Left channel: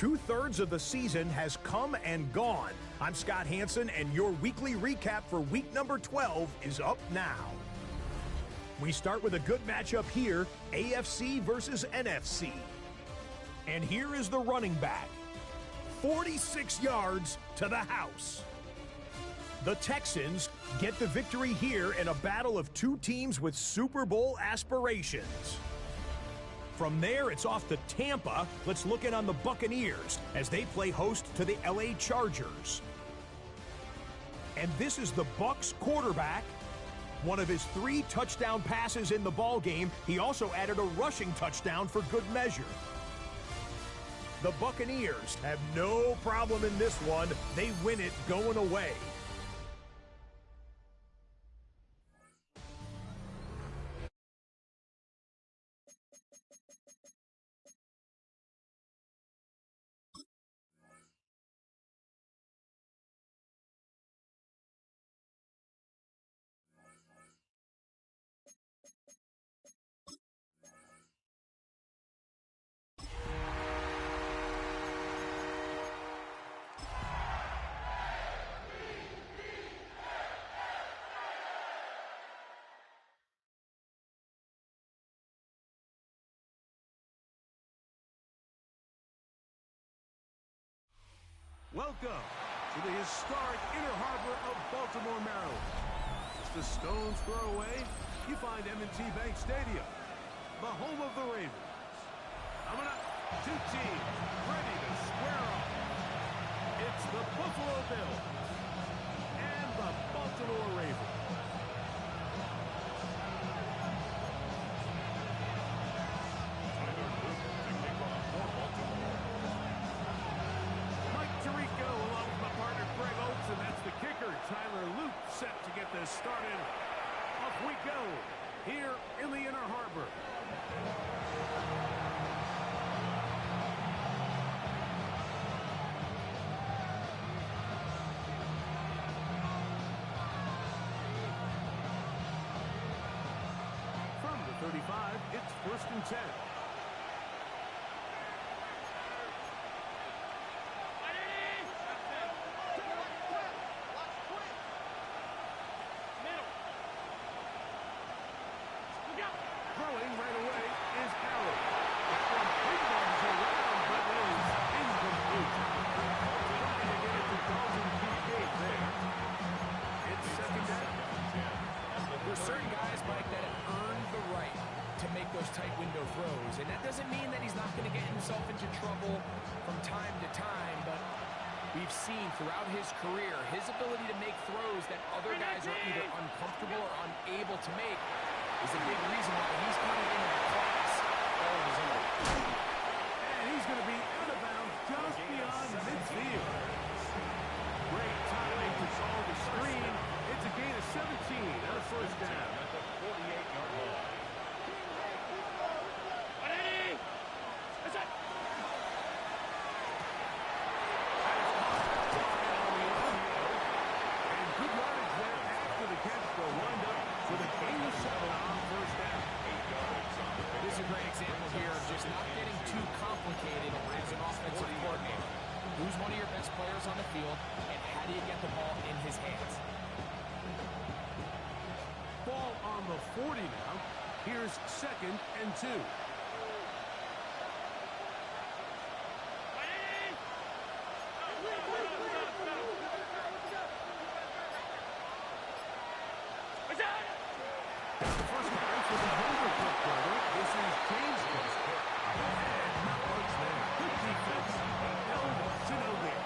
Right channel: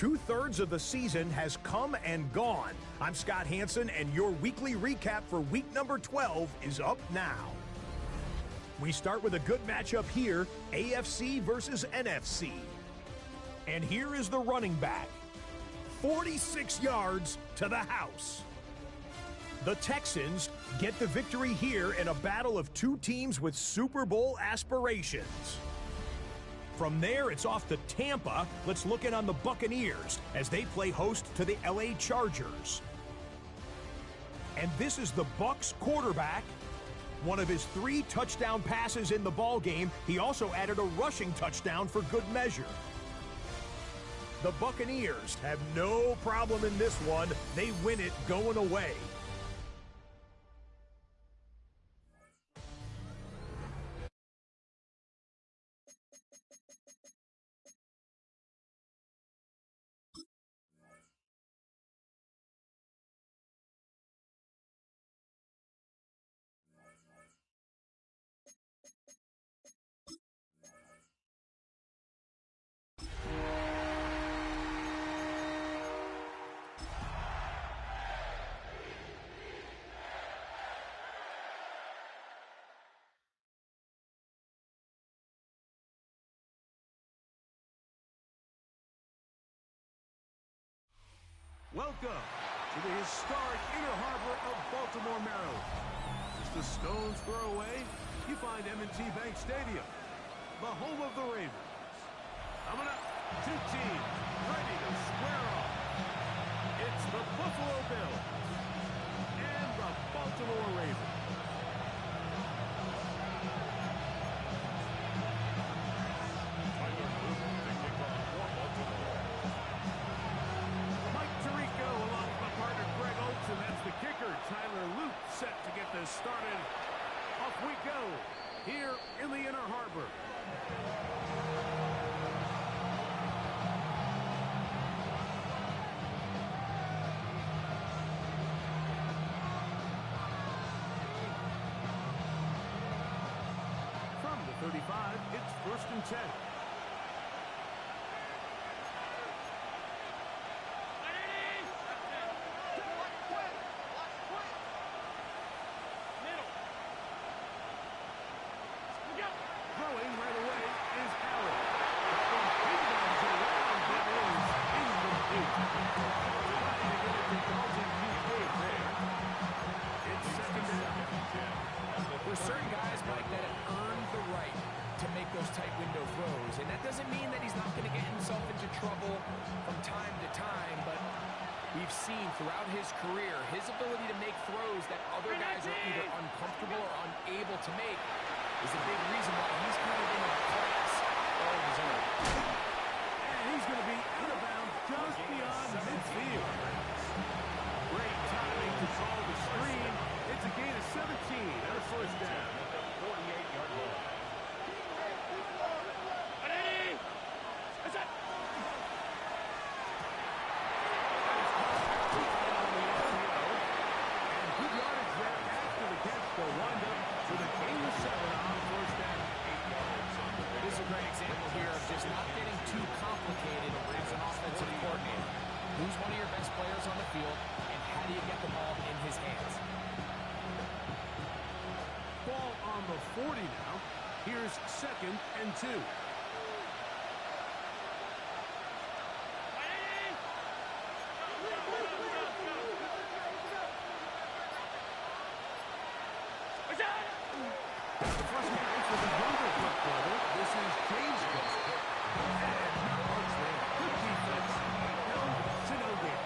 2/3 of the season has come and gone. I'm Scott Hanson, and your weekly recap for week number 12 is up now. We start with a good matchup here, AFC versus NFC. And here is the running back. 46 yards to the house. The Texans get the victory here in a battle of two teams with Super Bowl aspirations. From there, it's off to Tampa. Let's look in on the Buccaneers as they play host to the LA Chargers. And this is the Bucs quarterback. One of his 3 touchdown passes in the ballgame. He also added a rushing touchdown for good measure. The Buccaneers have no problem in this one. They win it going away. Welcome to the historic Inner Harbor of Baltimore, Maryland. Just a stone's throw away, you find M&T Bank Stadium, the home of the Ravens. Coming up, 2 teams ready to square off. It's the Buffalo Bills and the Baltimore Ravens. Tyler Luke to kick off for Baltimore. Mike Tirico along with my partner Greg Oates, and that's the kicker, Tyler Luke, set to get this started. Off we go here in the Inner Harbor. From the 35, it's 1st and 10. Throwing right away is Allen. That one ping-pongs around, but is incomplete. Trying to get it to Dalton Kincaid there. It's 2nd down. There's certain guys, Mike, that have earned the right to make those tight window throws, and that doesn't mean that he's not going to get himself into trouble from time to time, but we've seen throughout his career his ability to make throws that other guys are either uncomfortable or unable to make is a big reason why he's kind of in a class all of his own. And he's going to be out of bounds just beyond midfield. Great timing to call the screen. It's a gain of 17 and a 1st down. At the 48-yard line. That is caught outside on the RPO. And good yardage there after the catch. They'll wind up with a gain of 7 on 1st down. 8 yards on the pick. This is a great example here of just not getting too complicated as an offensive coordinator. Who's one of your best players on the field, and how do you get the ball in his hands? Ball on the 40 now. Here's 2nd and 2. The first carry for the Younger Cook brother. This is James Cook. And not much there. Good defense. Held to no gain.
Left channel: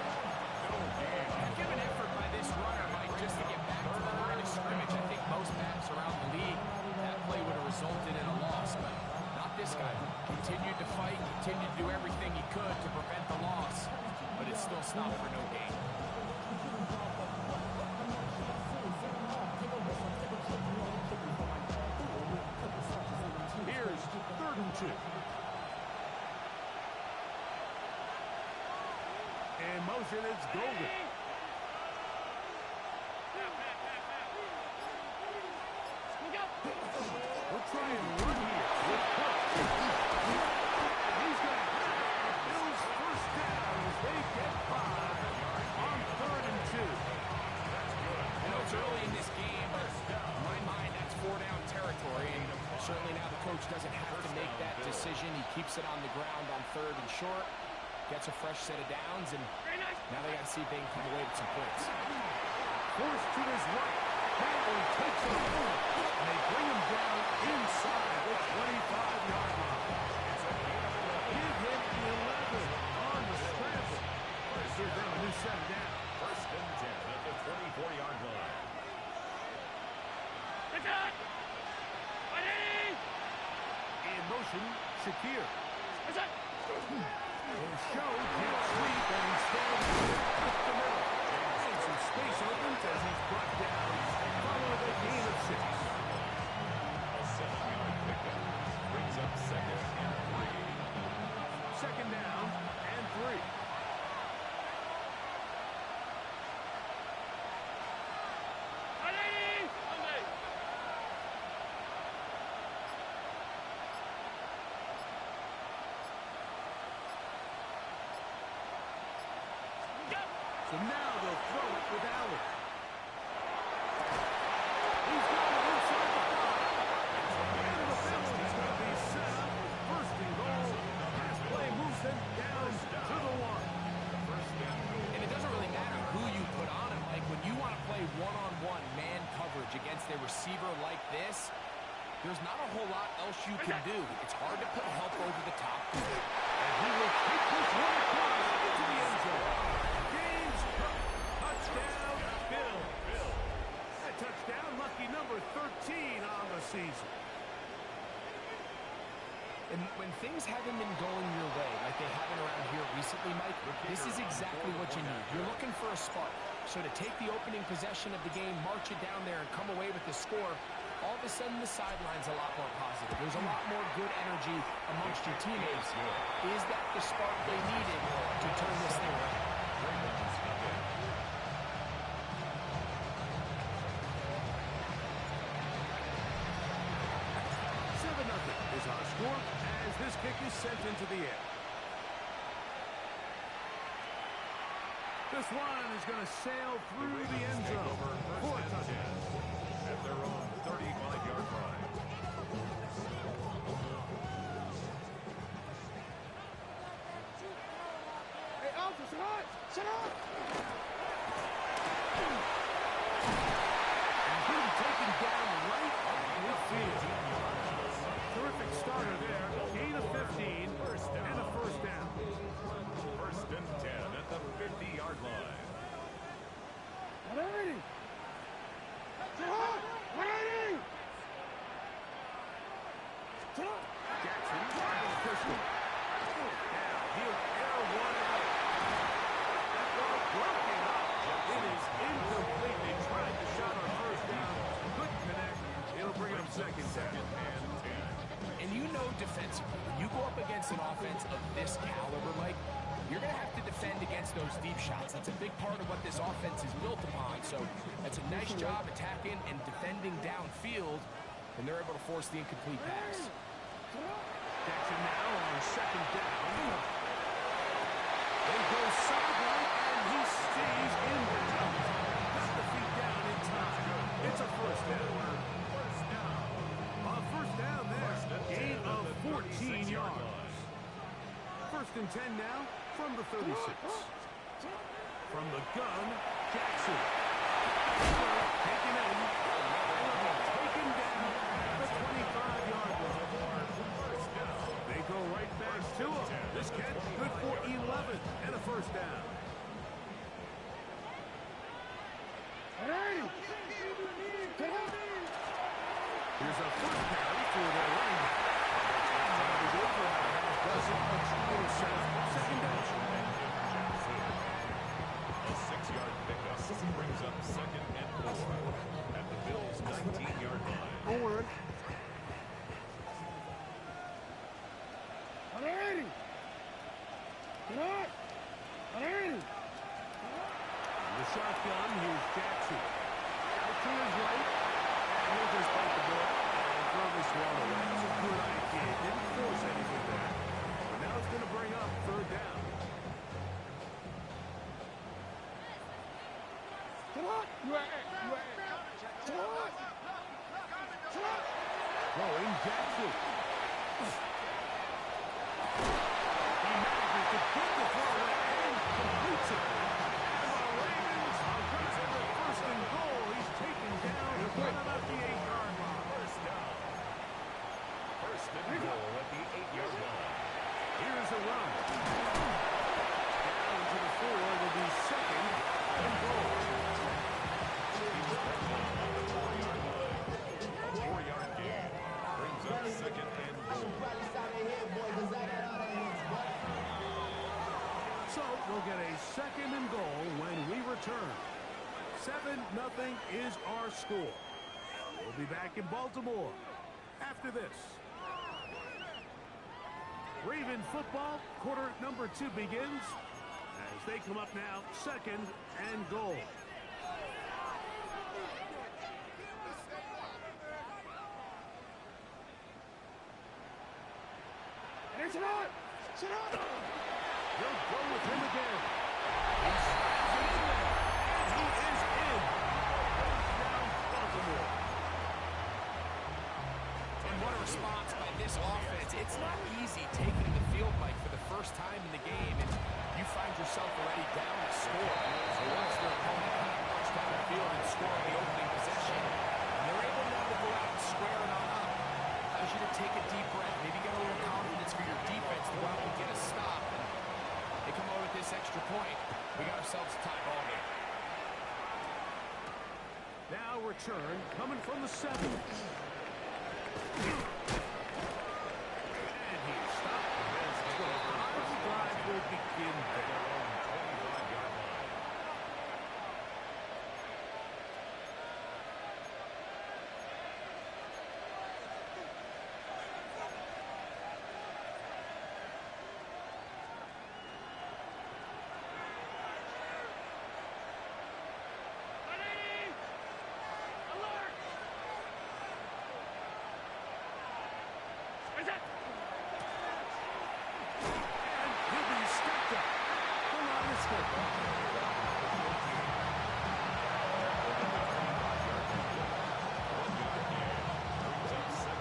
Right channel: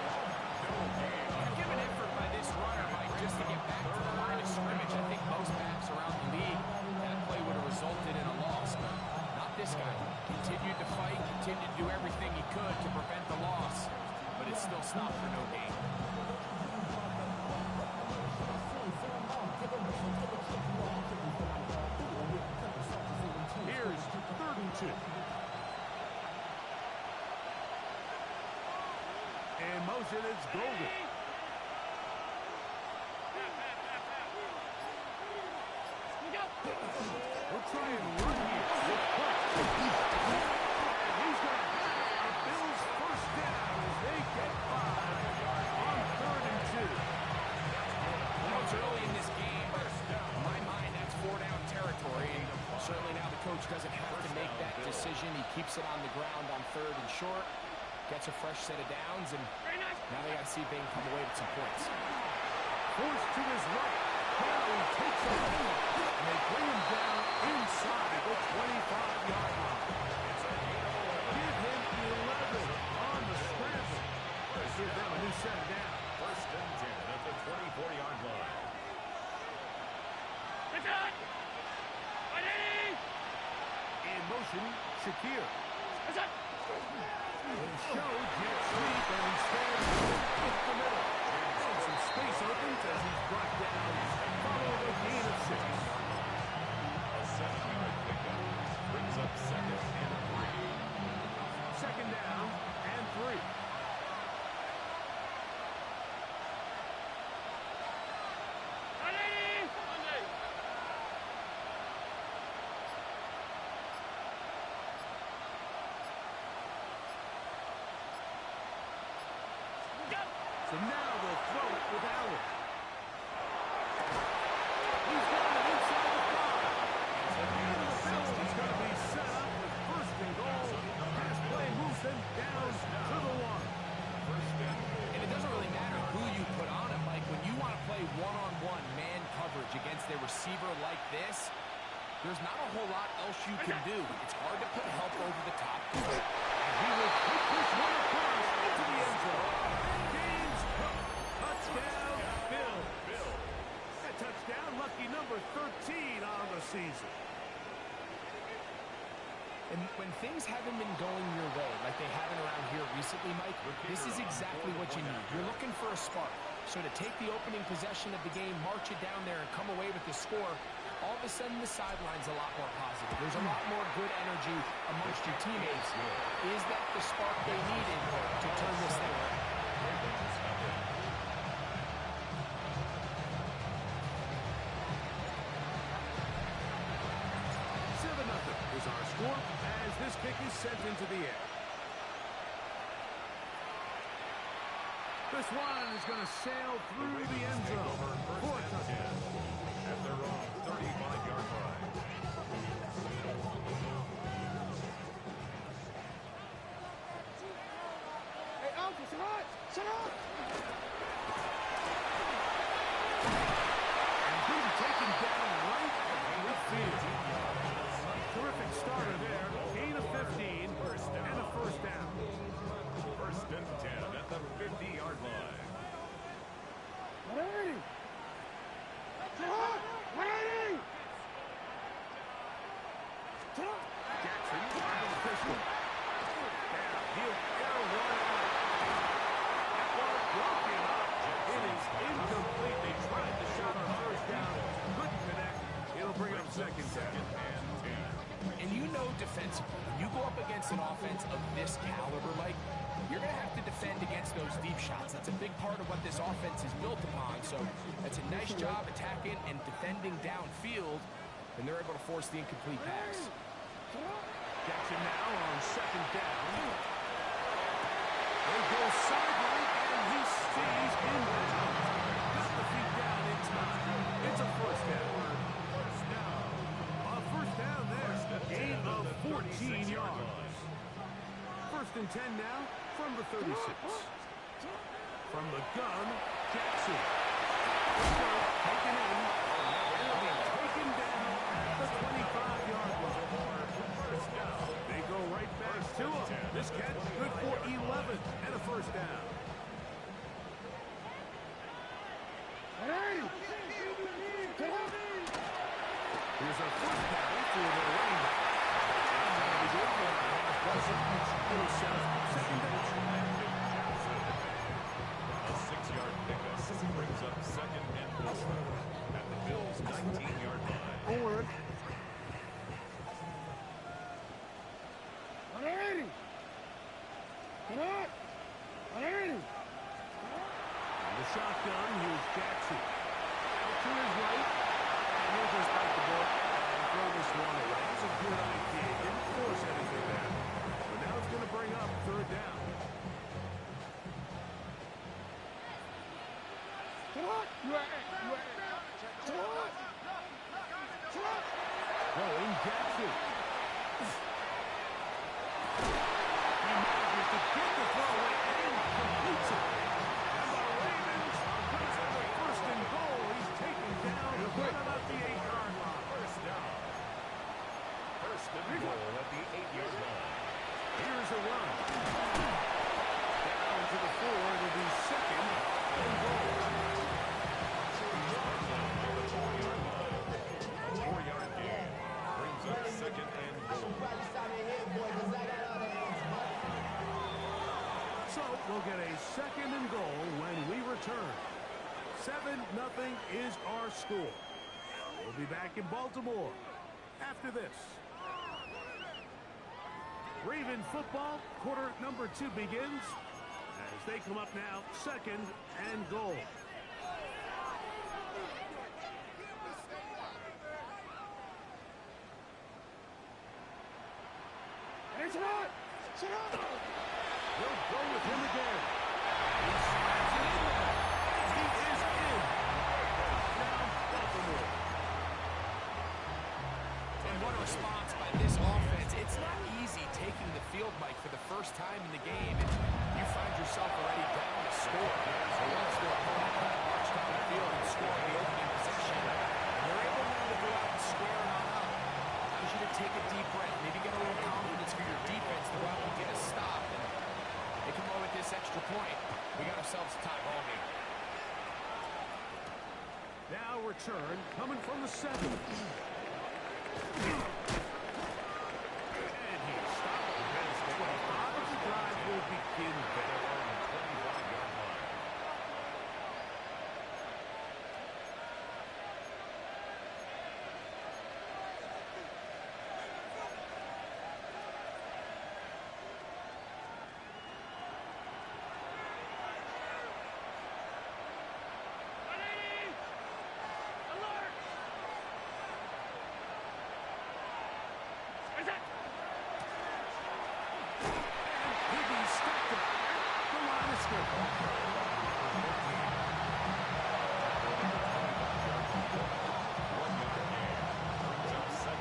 Give an effort by this runner, Mike, just to get back to the line of scrimmage. I think most backs around the league, that play would have resulted in a loss, but not this guy. Continued to fight, continued to do everything he could to prevent the loss, but it still stopped for no gain. Here's 3rd and 2. In motion, it's Golden. We'll try and run here with Cook. And he's going to have a Bills 1st down Certainly now the coach doesn't have to make that decision. He keeps it on the ground on 3rd and short, gets a fresh set of downs, and now they got to see if they can come away with some points. Forced to his right. Now he takes a hold, and they bring him down inside the 25-yard line. It's a gain of 11. Give him 11 on the scramble. Give them a new set of down. 1st and 10 at the 24-yard line. In motion, Shakir. He'll show jet sweep, and instead up the middle. And some space opens as he's brought down, following a gain of 6. A 7-yard pickup brings up 2nd and 3. 2nd down and 3. So now they'll throw it with Allen. He's got it inside the 5. Into the field. It's going to be set up with 1st and goal. Pass play moves them down to the 1. And it doesn't really matter who you put on him, Mike. When you want to play one-on-one man coverage against a receiver like this, there's not a whole lot else you can do. It's hard to put help over the top. And he will take this one across into the end zone. Touchdown, Bill. That touchdown, lucky number 13 on the season. And when things haven't been going your way, like they haven't around here recently, Mike, this is exactly what you need. You're looking for a spark. So to take the opening possession of the game, march it down there, and come away with the score, all of a sudden the sideline's a lot more positive. There's a lot more good energy amongst your teammates. Is that the spark they needed to turn this thing around? 7-0 is our score as this kick is sent into the air. This one is going to sail through the end zone for a touchdown at their own 35-yard line. Hey, Alpha, sit up! And he'll be taken down right at midfield. Terrific starter there. Gain of 15 and a 1st down. 1st and 10 at the 50-yard line. 180! 180! Jackson out of the pistol. Now he'll air one out. That ball broken up. It is incomplete. They tried the shot on 1st down. Couldn't connect. It'll bring up 2nd down and 10. And you know defensively, when you go up against an offense of this caliber, Mike, you're going to have to defend against those deep shots. That's a big part of what this offense is built upon. So that's a nice job attacking and defending downfield, and they're able to force the incomplete pass. Jackson now on 2nd down. They go sideline, and he stays in bounds. Got the feet down in time. It's a 1st down. A 1st down there. Gain of 14 yards. 1st and 10 now from the 36. From the gun, Jackson. Taken in. And it'll be taken down at the 25-yard line. They go right back to him. This catch good for 11 and a 1st down. 180! Here's a 1st carry for their running back. And that'll be good for about half dozen. It'll set up 2nd down. A 6-yard pickup brings up 2nd and 4 at the Bills' 19-yard line. Forward. 180! 180! On the shotgun, here's Jackson. Out to his right. And he'll just bite the ball and throw this one away. That's a good idea. Didn't force anything there. But now it's going to bring up 3rd down. Come on! You are. Throwing Jackson. He manages to get the throw away and completes it. And the Ravens are going to have their first and goal. He's taken down right about the 8-yard line. First down. First and goal at the 8-yard line. Here's a run. Down to the 4. It'll be second and goal. He's brought down at the 4-yard line. A 4-yard gain brings up second and goal. So we'll get a second and goal when we return. 7-0 is our score. We'll be back in Baltimore after this. Raven football, quarter number 2 begins as they come up now, second and goal. Hey, sit on! Sit on! They'll go with him again. He slaps it in there, and he is in. Touchdown, Baltimore. And what a response by this offense. It's not easy taking the field, Mike, for the first time in the game, and you find yourself already down a score. So watch their opponent kind of march down the field and score the opening possession. And they're able now to go out and square it on up. Allows you to take a deep breath, maybe get a little confidence for your defense to go out and get a stop. And they come away with this extra point. We got ourselves a tie ball game. Now return coming from the 7. And he stopped the best 25. The drive will begin there. Their own 25-yard line. And he'll be stepped up at the line of scrimmage.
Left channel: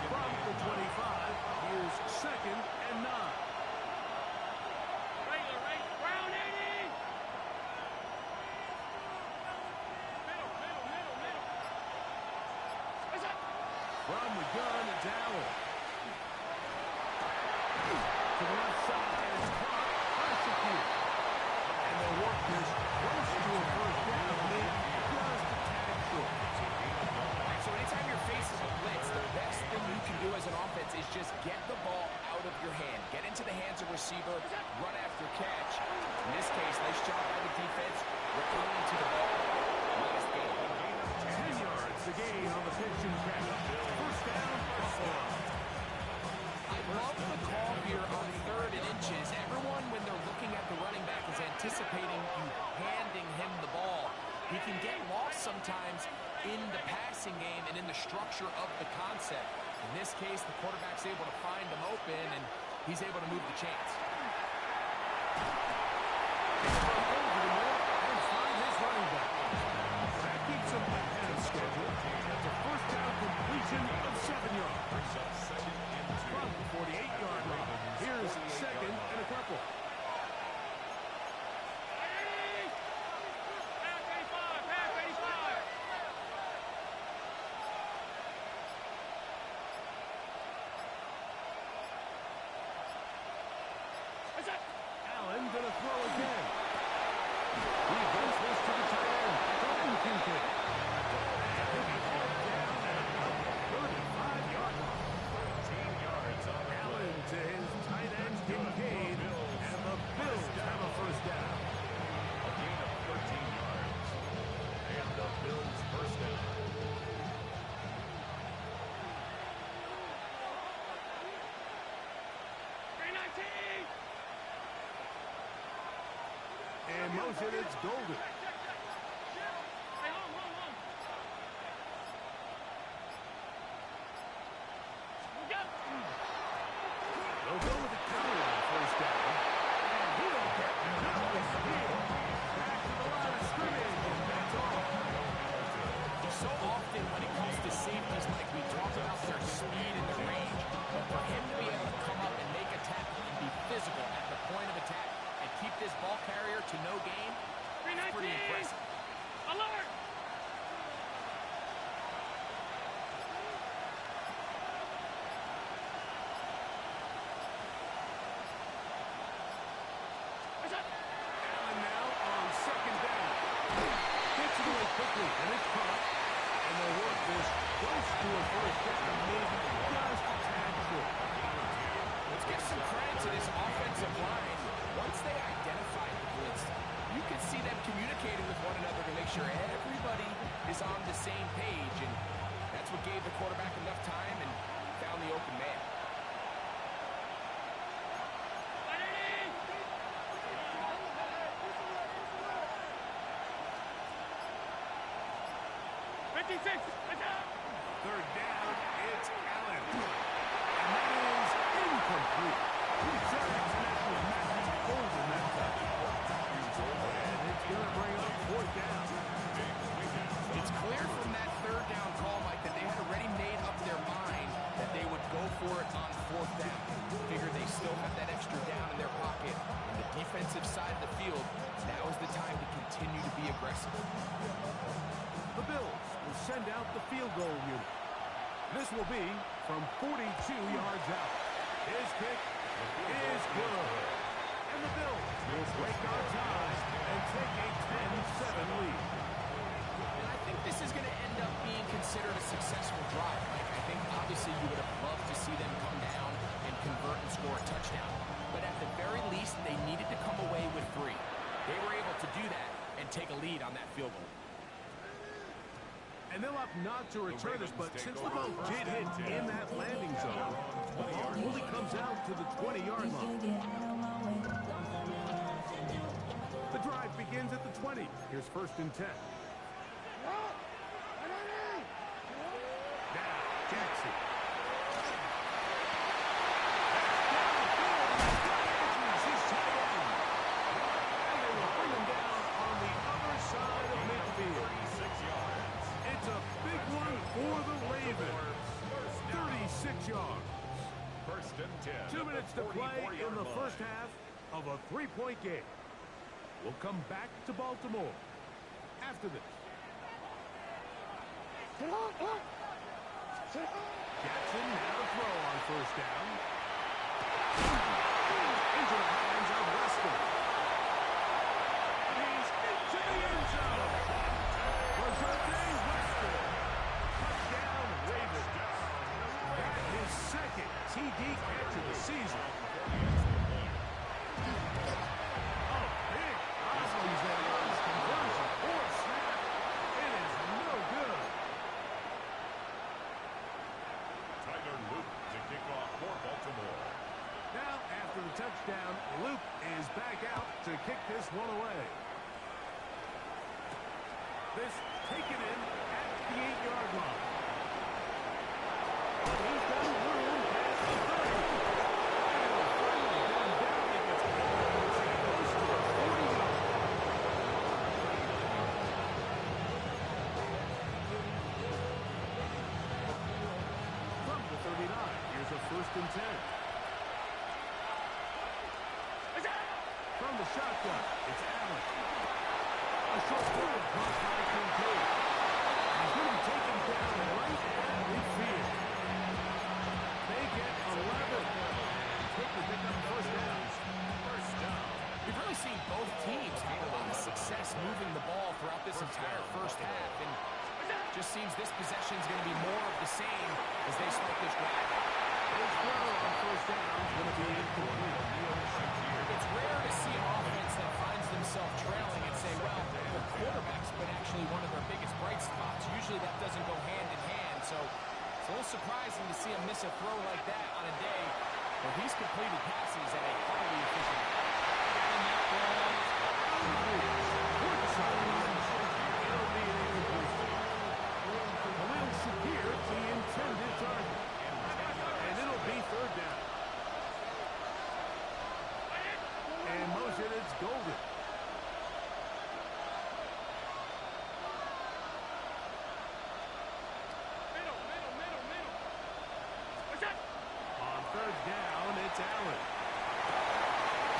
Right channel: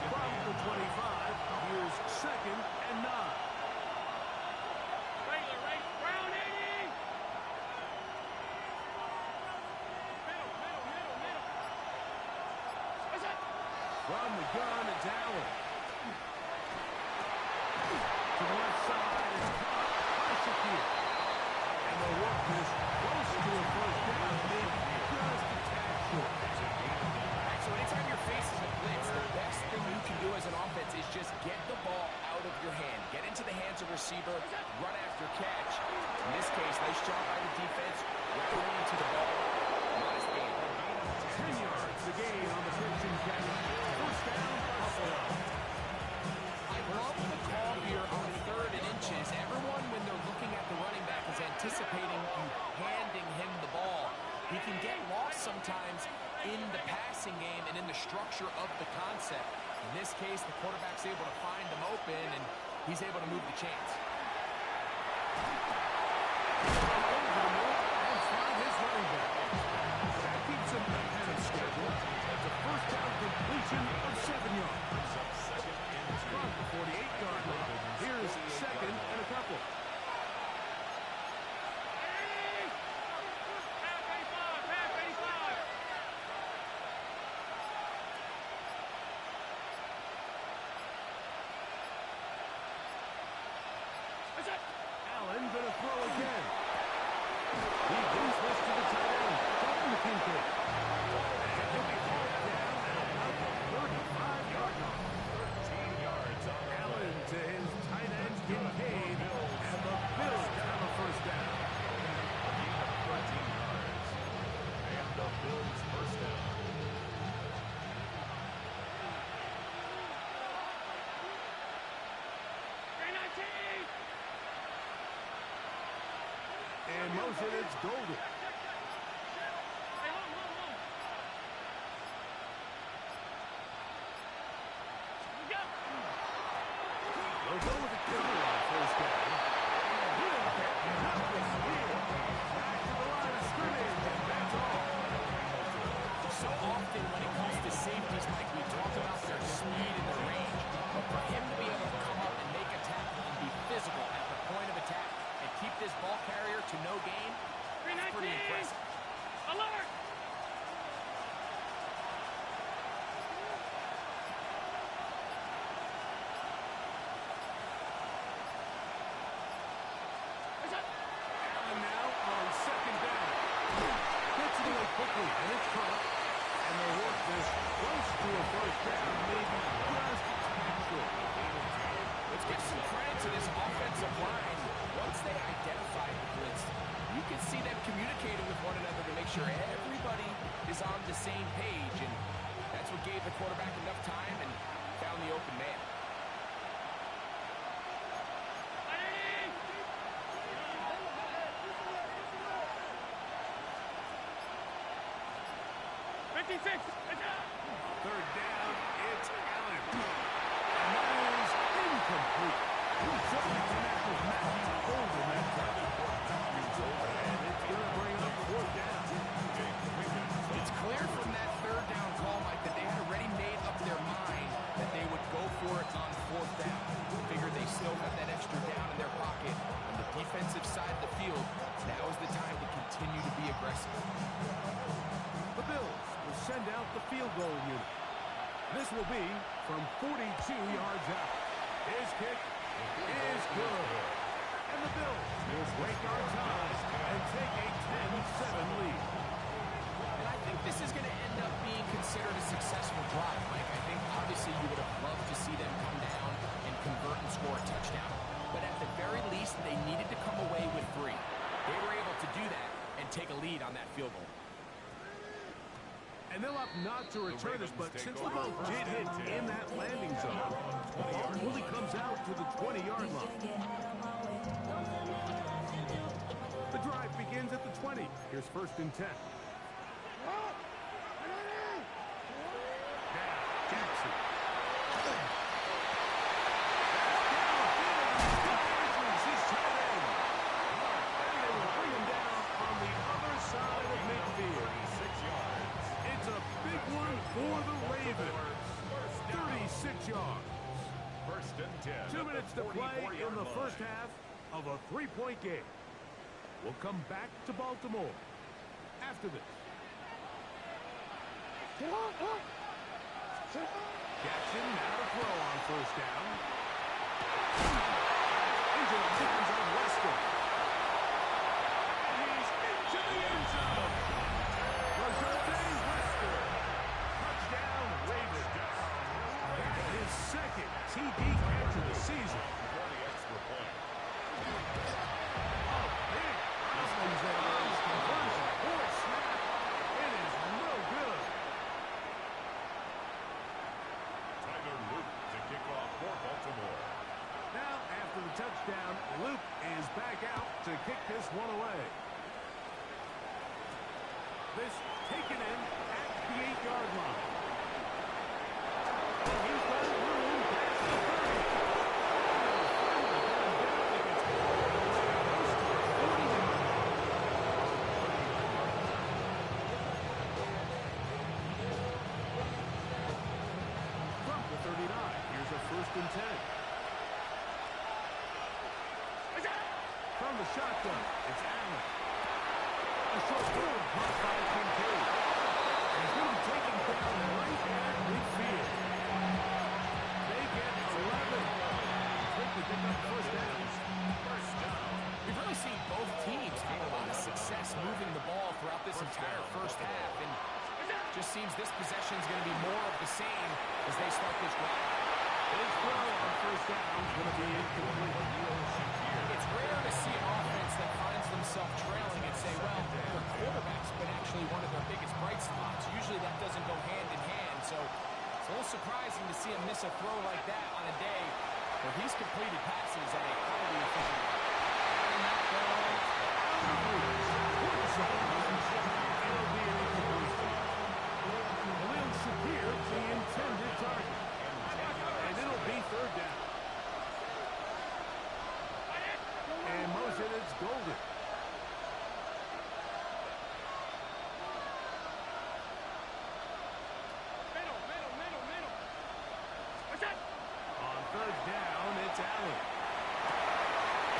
From the 25, here's second and 9. Regular, right? Round 80! Middle. What's up? From the gun, it's Allen. To the left side, it's caught by Shakir. And they'll work this close to a first down, maybe just a tad short. All right, so anytime you're facing a blitz, the best thing you can do as an offense is just get the ball out of your hand. Get into the hands of receiver, run after catch. In this case, nice job by the defense, rallying into the ball. Modest gain. 10 yards, the gain on the pitch and catch. First down, Buffalo. I love the call here on 3rd and inches. Everyone, when they're looking at the running back, is anticipating you handing him the ball. He can get lost sometimes in the passing game and in the structure of the concept. In this case, the quarterback's able to find him open, and he's able to move the chains. Over the middle and find his running back. That keeps him ahead of schedule. That's a first down completion of 7 yards. Brings up second and 2. From the 48-yard line. Here's second and a couple. Allen gonna throw again. He gets this to the tight end, Dalton Kincaid. And he'll be hauled down at about the 35-yard line. 13 yards on the Allen play. to his tight end, Kincaid, and the Bills have a first down. A gain of 13 yards. And the Bills first down. And motion, it's Golden. They'll go with the killer on first down. And he'll get nothing here. Back to the line of scrimmage, and that's all. So often when it comes to safeties, Mike, we talk about their speed and to a first down, maybe just a tad short. Let's give some credit to this offensive line. Once they identified the blitz, you could see them communicating with one another to make sure everybody is on the same page, and that's what gave the quarterback enough time and found the open man. Third down, it's Allen. And that is incomplete. He tried to connect with Matthew Golden that time. And it's going to bring up fourth down. It's clear from that third down call, Mike, that they had already made up their mind that they would go for it on fourth down. Figure they still have that extra down in their pocket on the defensive side of the field. Now is the time to continue to be aggressive. The Bills will send out the field goal unit. This will be from 42 yards out. His kick is good. And the Bills will break our ties and take a 10-7 lead. And I think this is going to end up being considered a successful drive, Mike. I think obviously you would have loved to see them come down and convert and score a touchdown. But at the very least, they needed to come away with 3. They were able to do that and take a lead on that field goal. And they'll opt not to return this, but since the ball did hit in that landing zone, the ball only comes out to the 20-yard line. The drive begins at the 20. Here's first and 10. Now, Jackson. Downfield, he's got Andrews, his tight end. And they will bring him down on the other side of midfield. 36 yards. It's a big one for the Ravens. 36 yards. First and 10. 2 minutes to play in the first half of a 3-point game. We'll come back to Baltimore after this. Jackson now to throw on first down. Into the hands of Wester. And he's into the end zone. Rajante Wester. Touchdown, Ravens. That is second TD catch of the season. A big problem there was conversion or snap. It is no good. Tyler Luke to kick off for Baltimore. Now, after the touchdown, Luke is back out to kick this one away. This taken in at the 8-yard line. Oh, he's got room past the 30. And it'll finally get him down. He gets all the way close to the 40-yard line. From the 39, here's a first and 10. From the shotgun, it's Allen. A short throw caught by Kincaid. And he's going to be taken down right at midfield. They get 11. Quick to pick up first down. First down. We've really seen both teams have a lot of success moving the ball throughout this entire first half, and it just seems this possession is going to be more of the same as they start this drive. His throw on first down is going to be incomplete. It's rare to see an offense that finds themselves trailing and say, well, their quarterback's been actually one of their biggest bright spots. Usually that doesn't go hand in hand, so it's a little surprising to see him miss a throw like that on a day where he's completed passes at a highly efficient rate. And that ball out of reach. Toward the sideline. It'll be an incomplete. Khalil Shakir, the intended target. And it'll be third down. And motion, it's Golden. Middle. What's that? On third down, it's Allen.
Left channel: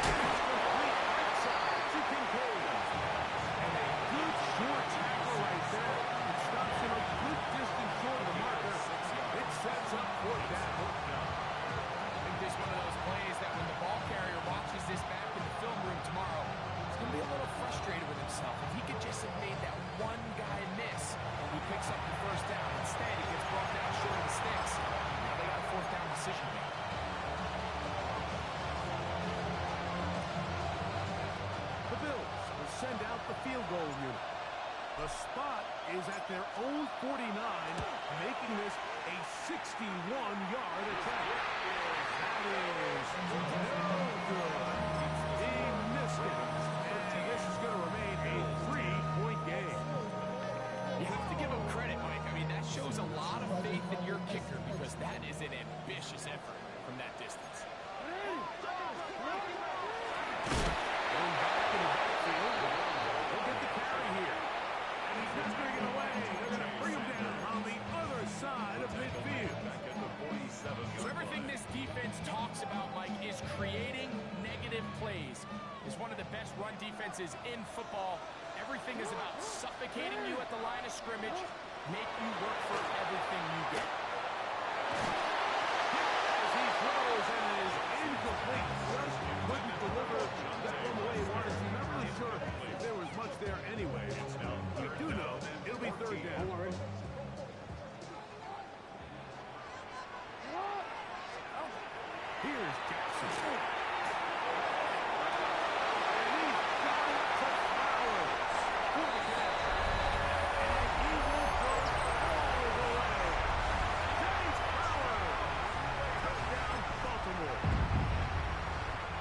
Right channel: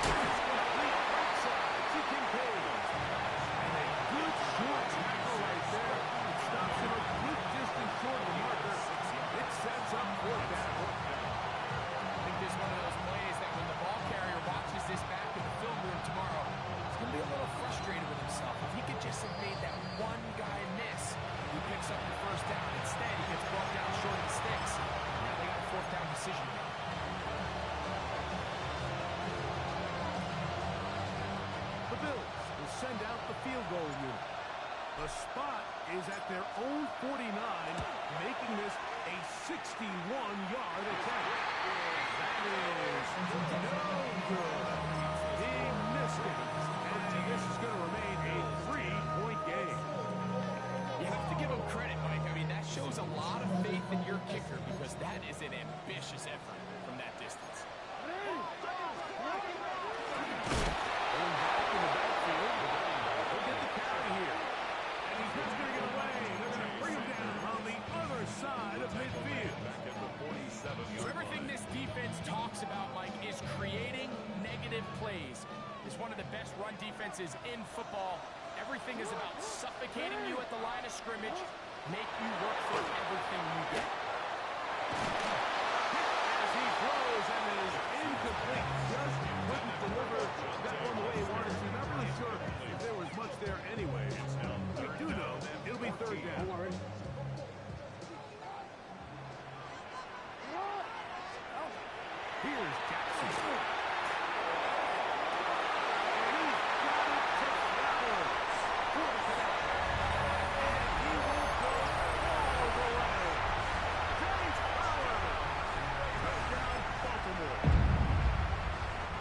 It's complete right side to Kincaid. And a good short tackle right there. It stops him a good distance short of the marker. It sets up fourth down. I think this is one of those plays that when the ball carrier watches this back in the film room tomorrow, he's going to be a little frustrated with himself. If he could just have made that one guy miss, he picks up the first down. Instead, he gets brought down decision to make. The Bills will send out the field goal unit. The spot is at their own 49, making this a 61-yard attempt. That is no good. He missed it. And this is going to remain a 3-point game. You have to give him credit, Mike. I mean, that shows a lot of faith in your kicker because that is an ambitious effort from that distance. Going back in the backfield. He'll get the carry here. And he's mustering it away. They're going to bring him down on the other side of midfield. Back at the 47-yard So everything this defense talks about, Mike, is creating negative plays. It's one of the best run defenses in football. Everything is about suffocating you at the line of scrimmage, make you work for everything you get. As he throws and is incomplete. Just couldn't deliver that one the way he wanted to. Not really sure if there was much there anyway. We do know it'll be third down. Here's Jackson. And he's got it to Flowers for the connect. And he will go all the way. James Flowers. Touchdown, Baltimore.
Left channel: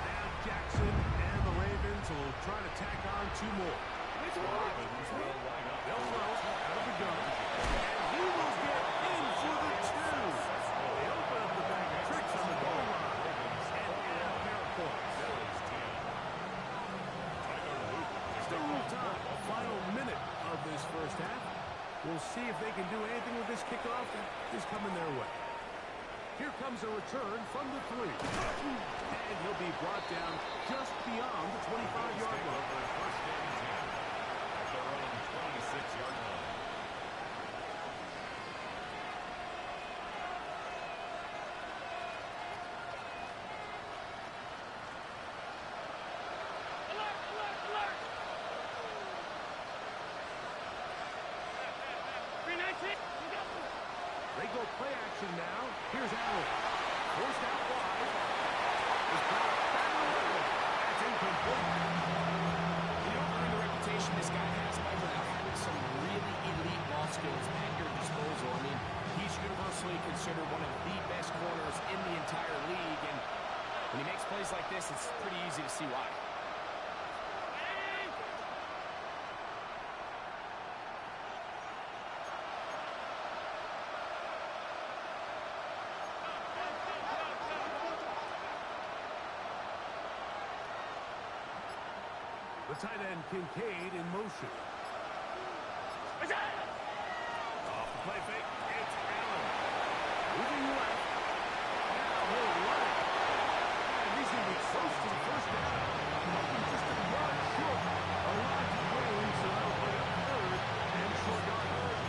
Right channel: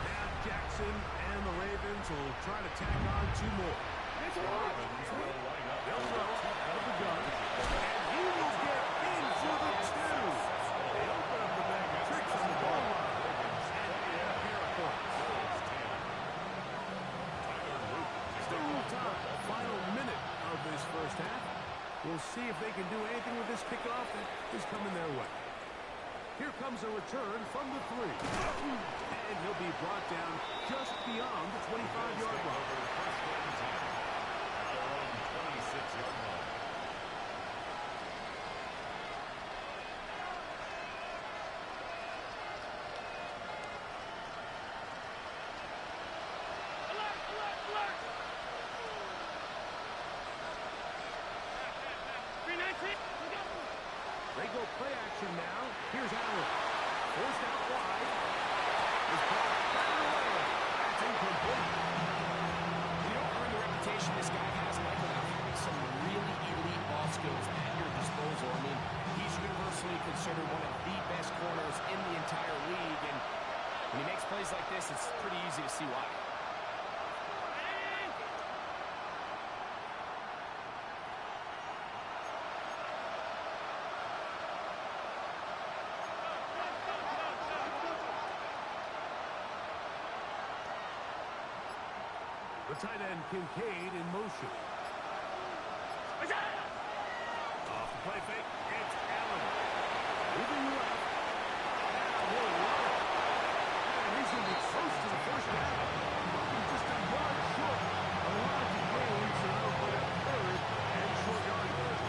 Now Jackson and the Ravens will try to tack on 2 more. Ravens will line up. They'll throw out of the gun. And he will get in for the 2. They open up the bag of tricks on the goal line. And add a pair of points. Bills 10. Tyler Luke. Still a little time. Final minute of this first half. We'll see if they can do anything with this kickoff that is coming their way. Here comes a return from the 3. And he'll be brought down just beyond the 25-yard Take line. over first and 10 at their own 26-yard line. Alert, alert, alert! 319, look out! They go play action now. Here's Allen. Forced out wide. His ball batted away. That's incomplete. You don't earn the reputation this guy has, Mike, without having some really elite ball skills at your disposal. I mean, he's universally considered one of the best corners in the entire league, and when he makes plays like this, it's pretty easy to see why. The tight end Kincaid in motion. Off the play fake, it's Allen. Moving left. Now he'll run it. And he's going to be close to the first down. Looking just a yard short. A large gain, so that'll play up third and short yardage.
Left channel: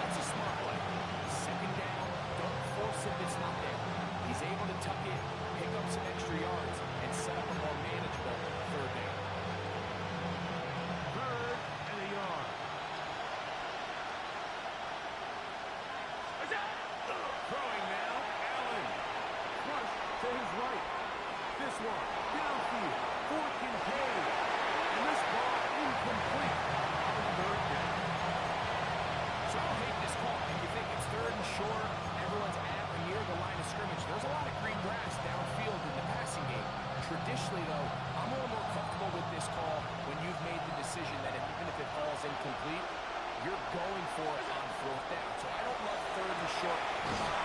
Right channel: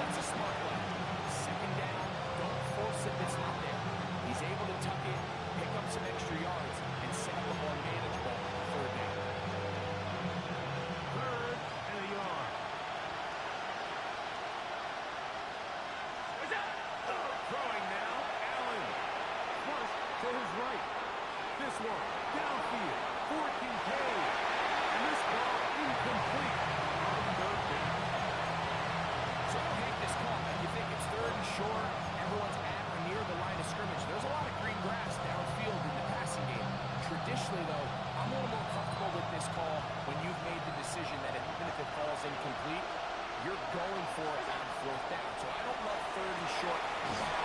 That's a smart play. Second down, don't force it if it's not there. He's able to tuck it, pick up some extra yards, and set up a more manageable third down. Third and a yard. Throwing now, Allen. Flush to his right. This one, downfield for Kincaid. And this ball incomplete on third down. So I don't hate this call. Like, you think it's third and short, everyone's at or near the line of scrimmage. There's a lot of green grass downfield in the passing game. Traditionally, though, I'm a little more comfortable with this call when you've made the decision that even if it falls incomplete, you're going for it on fourth down. So I don't love third and short bomb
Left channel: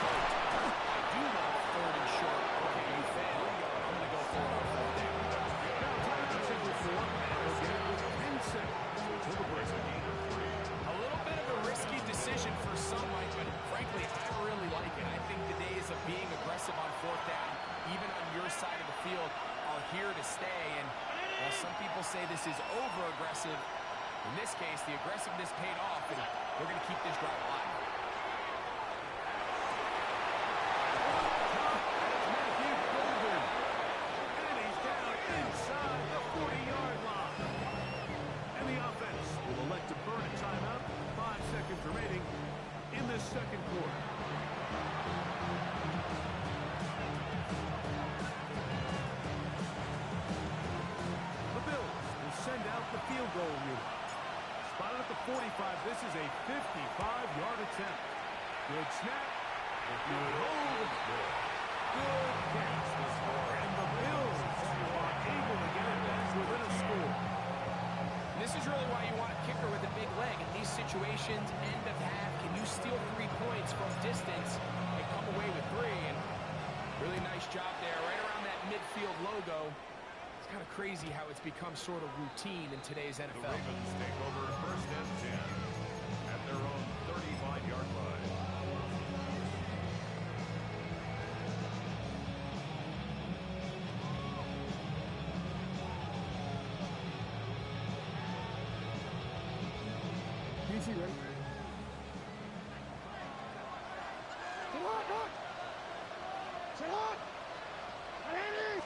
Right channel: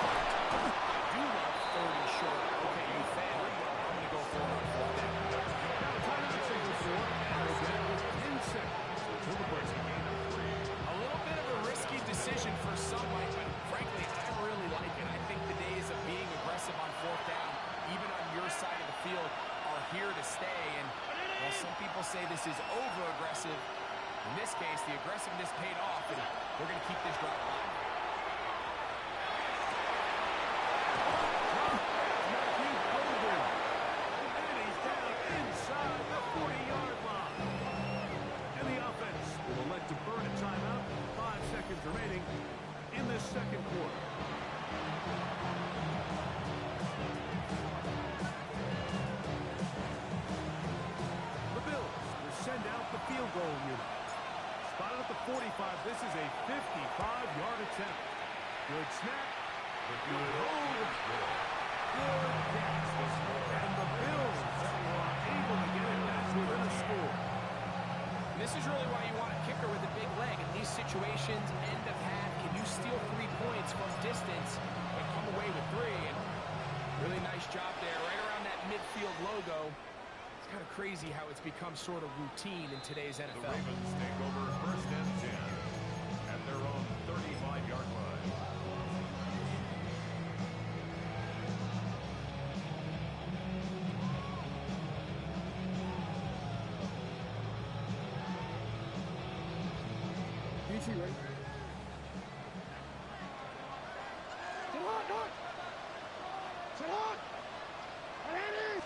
punt. I do love third and short. Okay, you failed. I'm going to go for it on fourth down. Now timeout signal for, and they'll get it with 10 seconds until the break. A little bit of a risky decision for some, Mike, but frankly, I really like it. I think the days of being aggressive on fourth down, even on your side of the field, are here to stay. And while some people say this is over-aggressive, in this case, the aggressiveness paid off, and they're going to keep this drive alive. Matthew Golden. And he's down inside the 40-yard line. And the offense will elect to burn a timeout. 5 seconds remaining in this second quarter. The Bills will send out the field goal unit. Spotted at the 45. This is a 55-yard attempt. Good snap. Good hold. Good catch. And the Bills are able to get it back within a score. And this is really why you want a kicker with a big leg. In these situations, end of half, can you steal 3 points from distance and come away with 3? And really nice job there, right around that midfield logo. It's kind of crazy how it's become sort of routine in today's NFL. The Ravens take over first and 10 at their own 35-yard line. DC, right? Sit on, Doc! Sit on! Ready?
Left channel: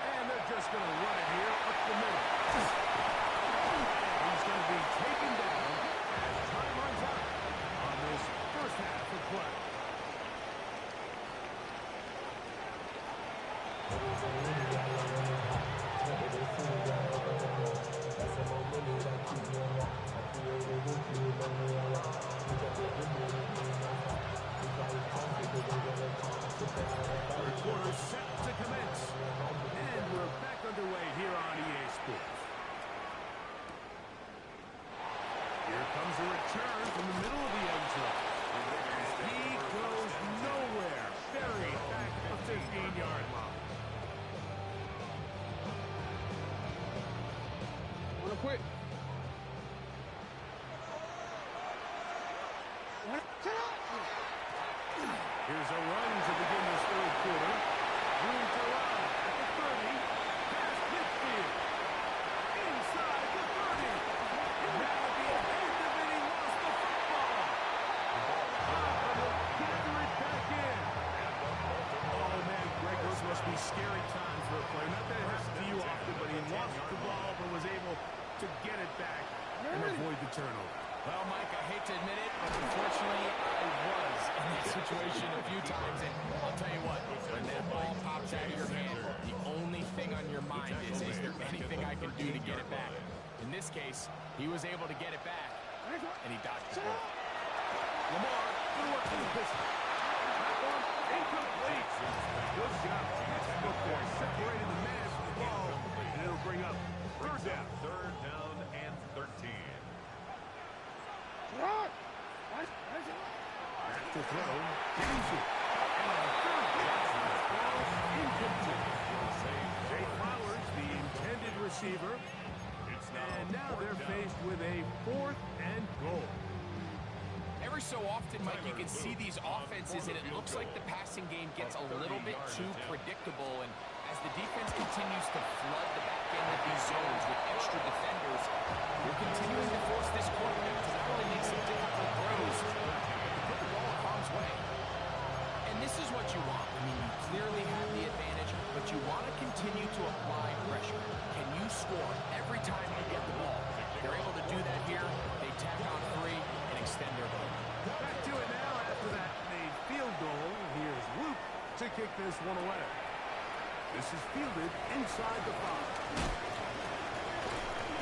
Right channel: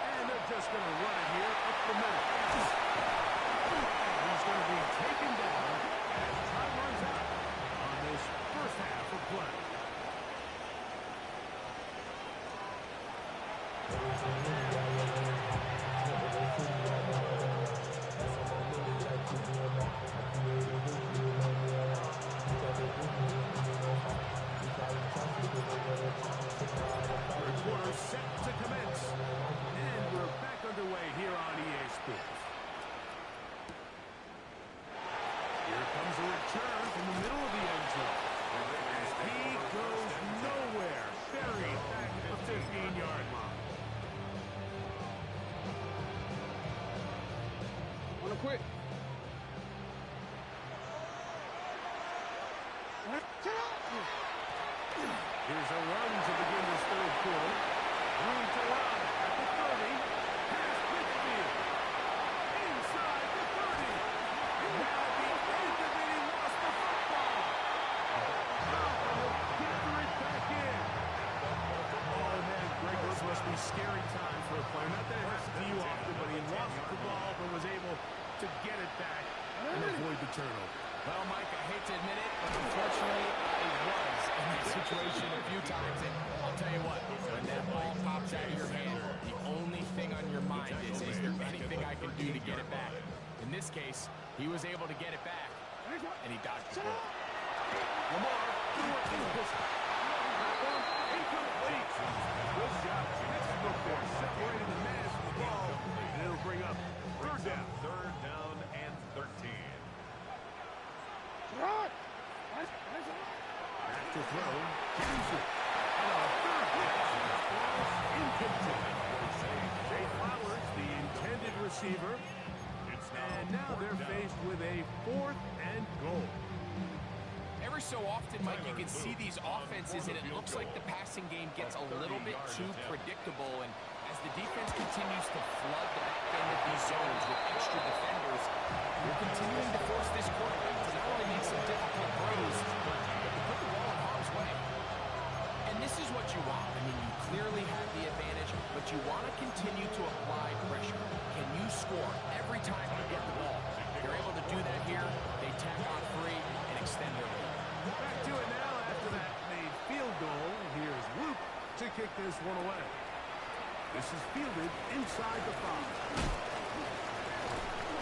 And they're just going to run it here up the middle. And he's going to be taken down as time runs out on this first half of play. Third quarter set to commence. And we're back underway here on EA Sports. Here comes a return from the middle of the end zone. And he goes nowhere. Buried back at the 15-yard line. Wanna quit? Here's a run to begin this third quarter. Room to run at the 30. Past midfield. Inside the 30. And now at the end of it, he lost the football. But he'll gather it back in. Oh, man, Greg, those must be scary times for a player. Not that it happens to you often, but he lost the ball but was able to get it back and avoid the turnover. Well, Mike, I hate to admit it, but unfortunately, I was in that situation a few times. And I'll tell you what, when that ball pops out of your hand, the only thing on your mind is there anything I can do to get it back? In this case, he was able to get it back, and he dodged the bullet. Lamar, good work in the pistol. That one, incomplete. Good job. Textbook there, separating the man from the ball, and it'll bring up third down. Third down and 13. Back to throw. James and a third pitch. Ball incomplete. Jay Flowers, the intended receiver. And now they're faced with a 4th and goal. Every so often, Mike, you can see these offenses, and it looks like the passing game gets a little bit too predictable. And as the defense continues to flood the back end of these zones with extra defenders, you're continuing to force this quarterback to not only make some difficult throws, but to put the ball in harm's way. And this is what you want. I mean, you clearly have the advantage, but you want to continue to apply pressure. Can you score every time you get the ball? They're able to do that here. They tack on 3 and extend their lead. Back to it now after that made field goal. Here's Luke to kick this one away. This is fielded inside the 5.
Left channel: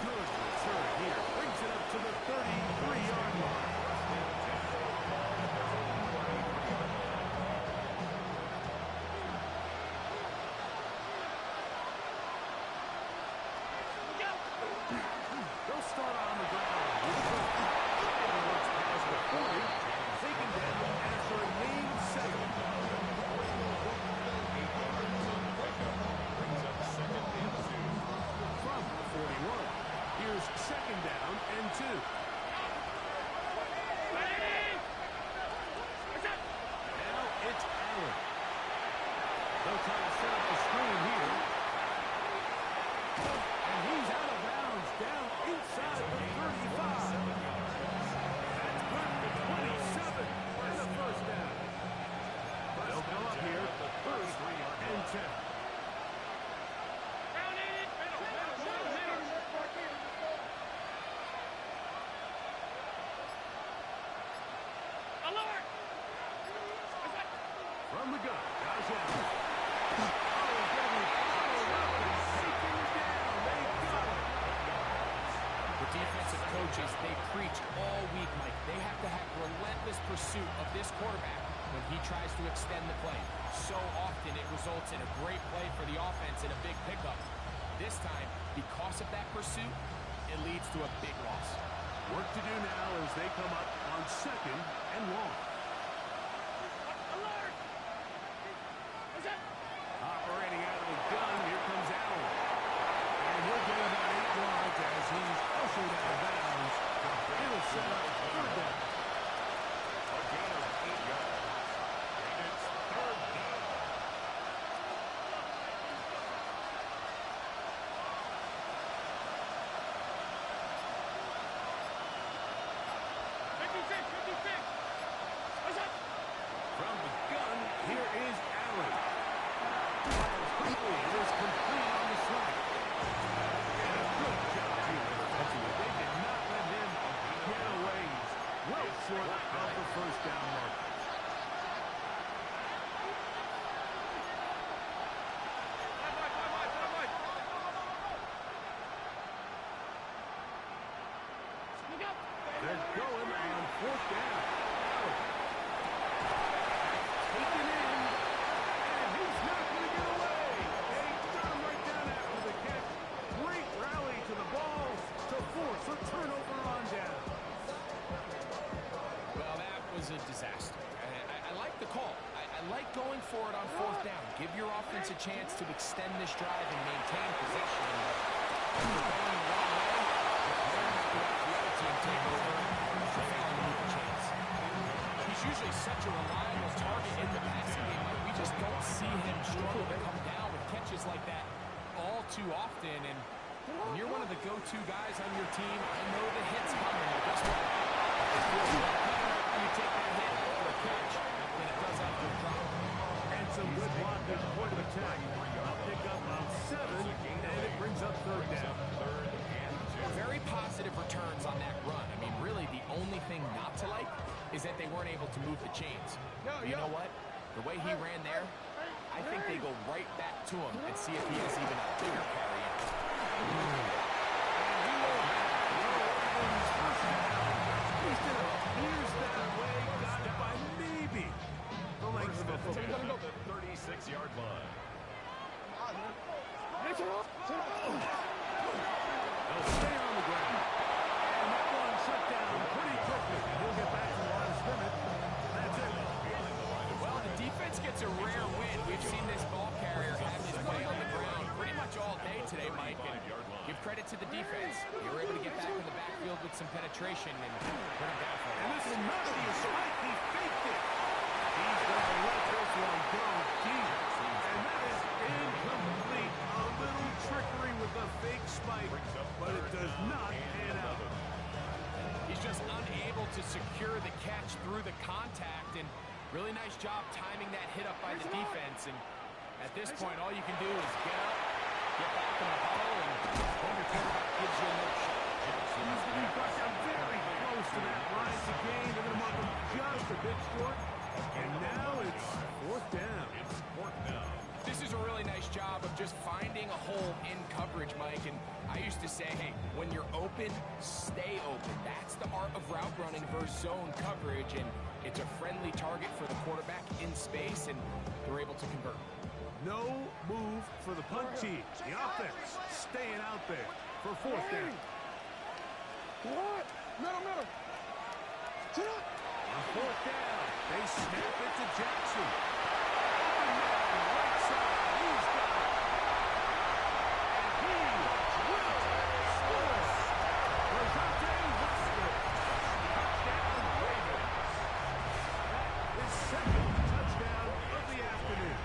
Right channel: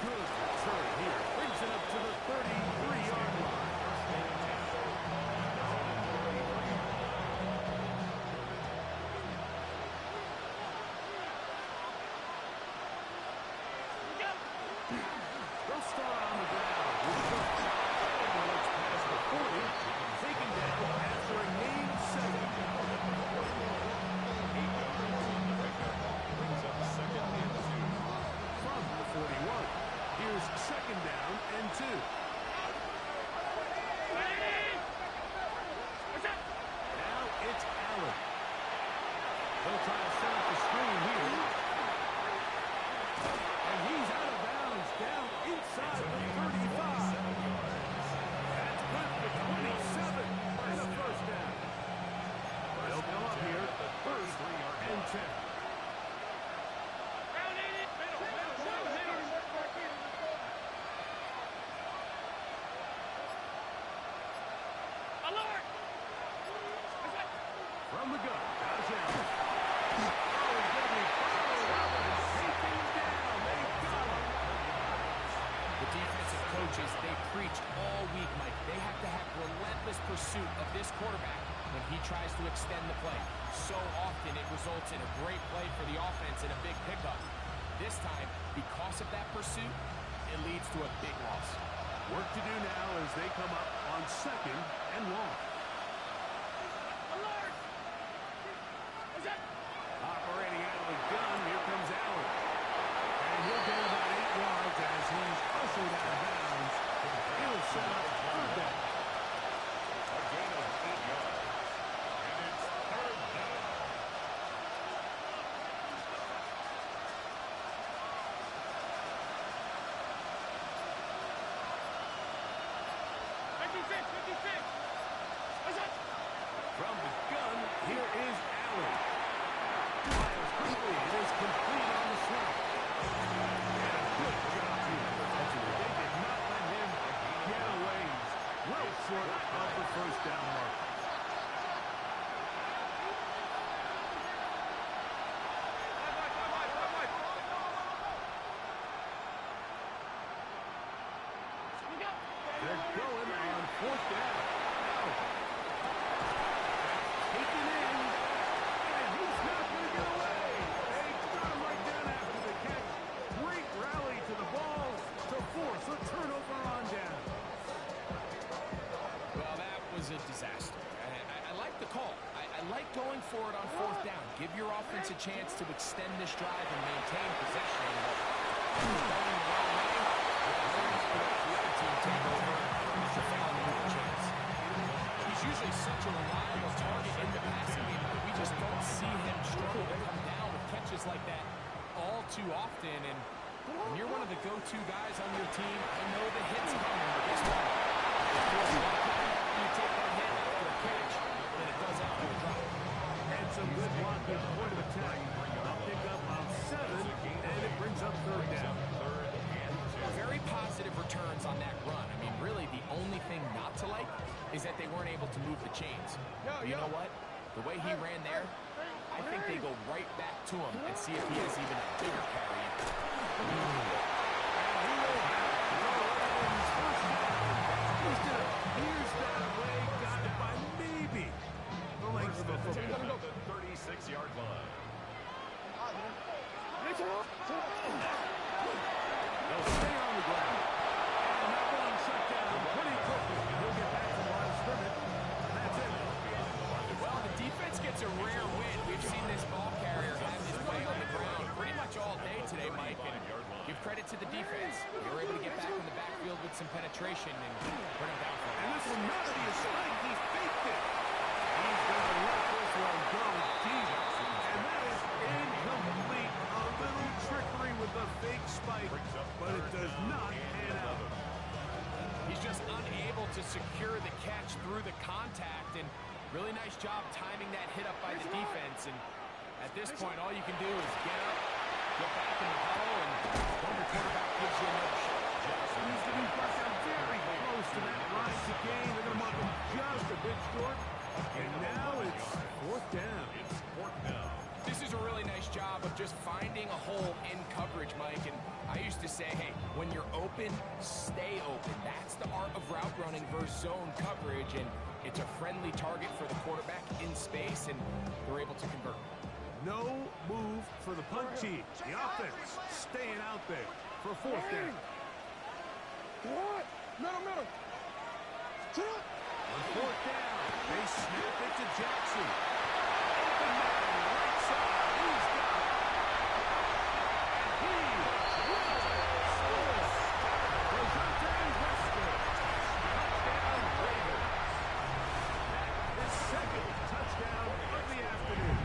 Good return here. Brings it up to the 33-yard line. They'll start on the ground with the and looks past the 40, taken down after a gain of 7. 8 yards on the pickup. Brings up second and 2. From the 41. Here's second down and 2. Now it's Allen. They'll try to set up the screen here. And he's out of bounds down inside the 35. That's good for 27 and a first down. They'll come up here at the 1st and 10. Alert! From the gun, Josh Allen. Oh, he's going to be followed up and taken down. They got him. The defensive coaches, they preach all week, Mike. They have to have relentless pursuit of this quarterback when he tries to extend the play. So often it results in a great play for the offense and a big pickup. This time, because of that pursuit, it leads to a big loss. Work to do now as they come up on 2nd and long. Alert! Is that? Operating out of the gun, here comes Allen. And he'll get about 8 yards as he's ushered out of bounds. He'll set up 3rd down. A gain of 8 yards. And it's 3rd down. What's that? From the gun, here is Allen. Fires quickly. It is complete on the slant. And a good job here protecting it. They did not let him get away. He's well short of the 1st down mark. They're going on 4th down. Allen. Taken in. And he's not going to get away. They got him right down after the catch. Great rally to the ball to force a turnover on down. Well, that was a disaster. I like the call. I like going for it on 4th down. Give your offense a chance to extend this drive and maintain possession. But if we're going the wrong way, we're going to have to let the other team take over to fail and move a chance. He's usually such a reliable target in the passing game, but we just don't see him struggle to come down with catches like that all too often. And when you're one of the go-to guys on your team, I know the hit's coming, but guess what? It feels a lot better after you take that hit after a catch than it does after a drop. And some good blocking, point of attack. A pickup of 7, and it brings up 3rd down. Very positive returns on that run. I mean, really, the only thing not to like is that they weren't able to move the chains. You know what? The way he ran there, I think they go right back to him and see if he has even a bigger carry in. And he will have the Ravens 1st down. At least it appears that way. Got it by maybe the length of a football. The 36-yard line. They'll stay on the ground. And that one shut down pretty quickly. He'll get back to the line of scrimmage. And that's it. Well, the defense gets a rare win. We've seen this ball carrier have his way on the ground pretty much all day today, Mike. And give credit to the defense. They were able to get back in the backfield with some penetration and bring him down for a And loss. this will not be a spike. He faked it. He's going to let this one go deep. And that is incomplete. A little trickery with the fake spike, but it does not pan out. He's just unable to secure the catch through the contact, and really nice job timing that hit up by the defense. And at this point, all you can do is get up, get back in the huddle, and hope your quarterback gives you another shot. He's going to be brought down very close to that line to gain. They're going to mark him just a bit short. And now it's 4th down. It's 4th down. This is a really nice job of just finding a hole in coverage, Mike. And I used to say, hey, when you're open, stay open. That's the art of route running versus zone coverage. And it's a friendly target for the quarterback in space, and they're able to convert. No move for the punt team. The offense staying out there for 4th down. What? Middle. Sit up. On 4th down, they snap it to Jackson. Open man, right side. He's got it. And he will score. Rajante Wester. Touchdown, Ravens. That is 2nd touchdown of the afternoon.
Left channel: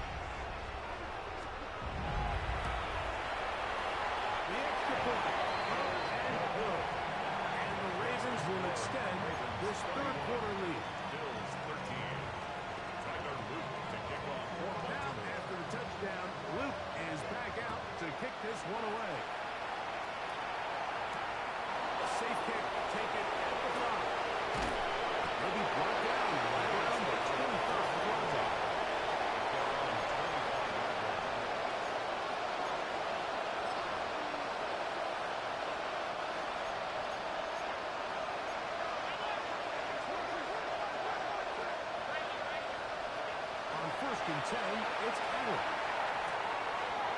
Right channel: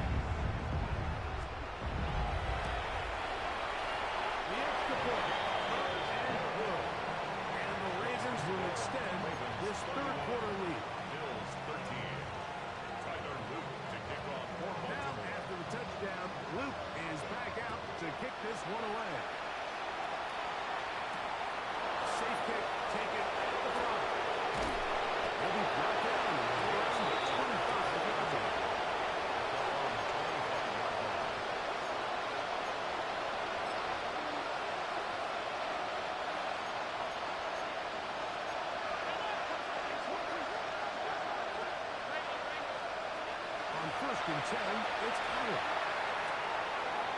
The extra point. Up and good. And the Ravens will extend this 3rd quarter lead. Bills 13. Tyler Luke to kick off for Now, Baltimore. after the touchdown, Luke is back out to kick this one away. Safe kick taken at the 5. He'll be brought down right around the 25-yard line. first and 10, it's Allen.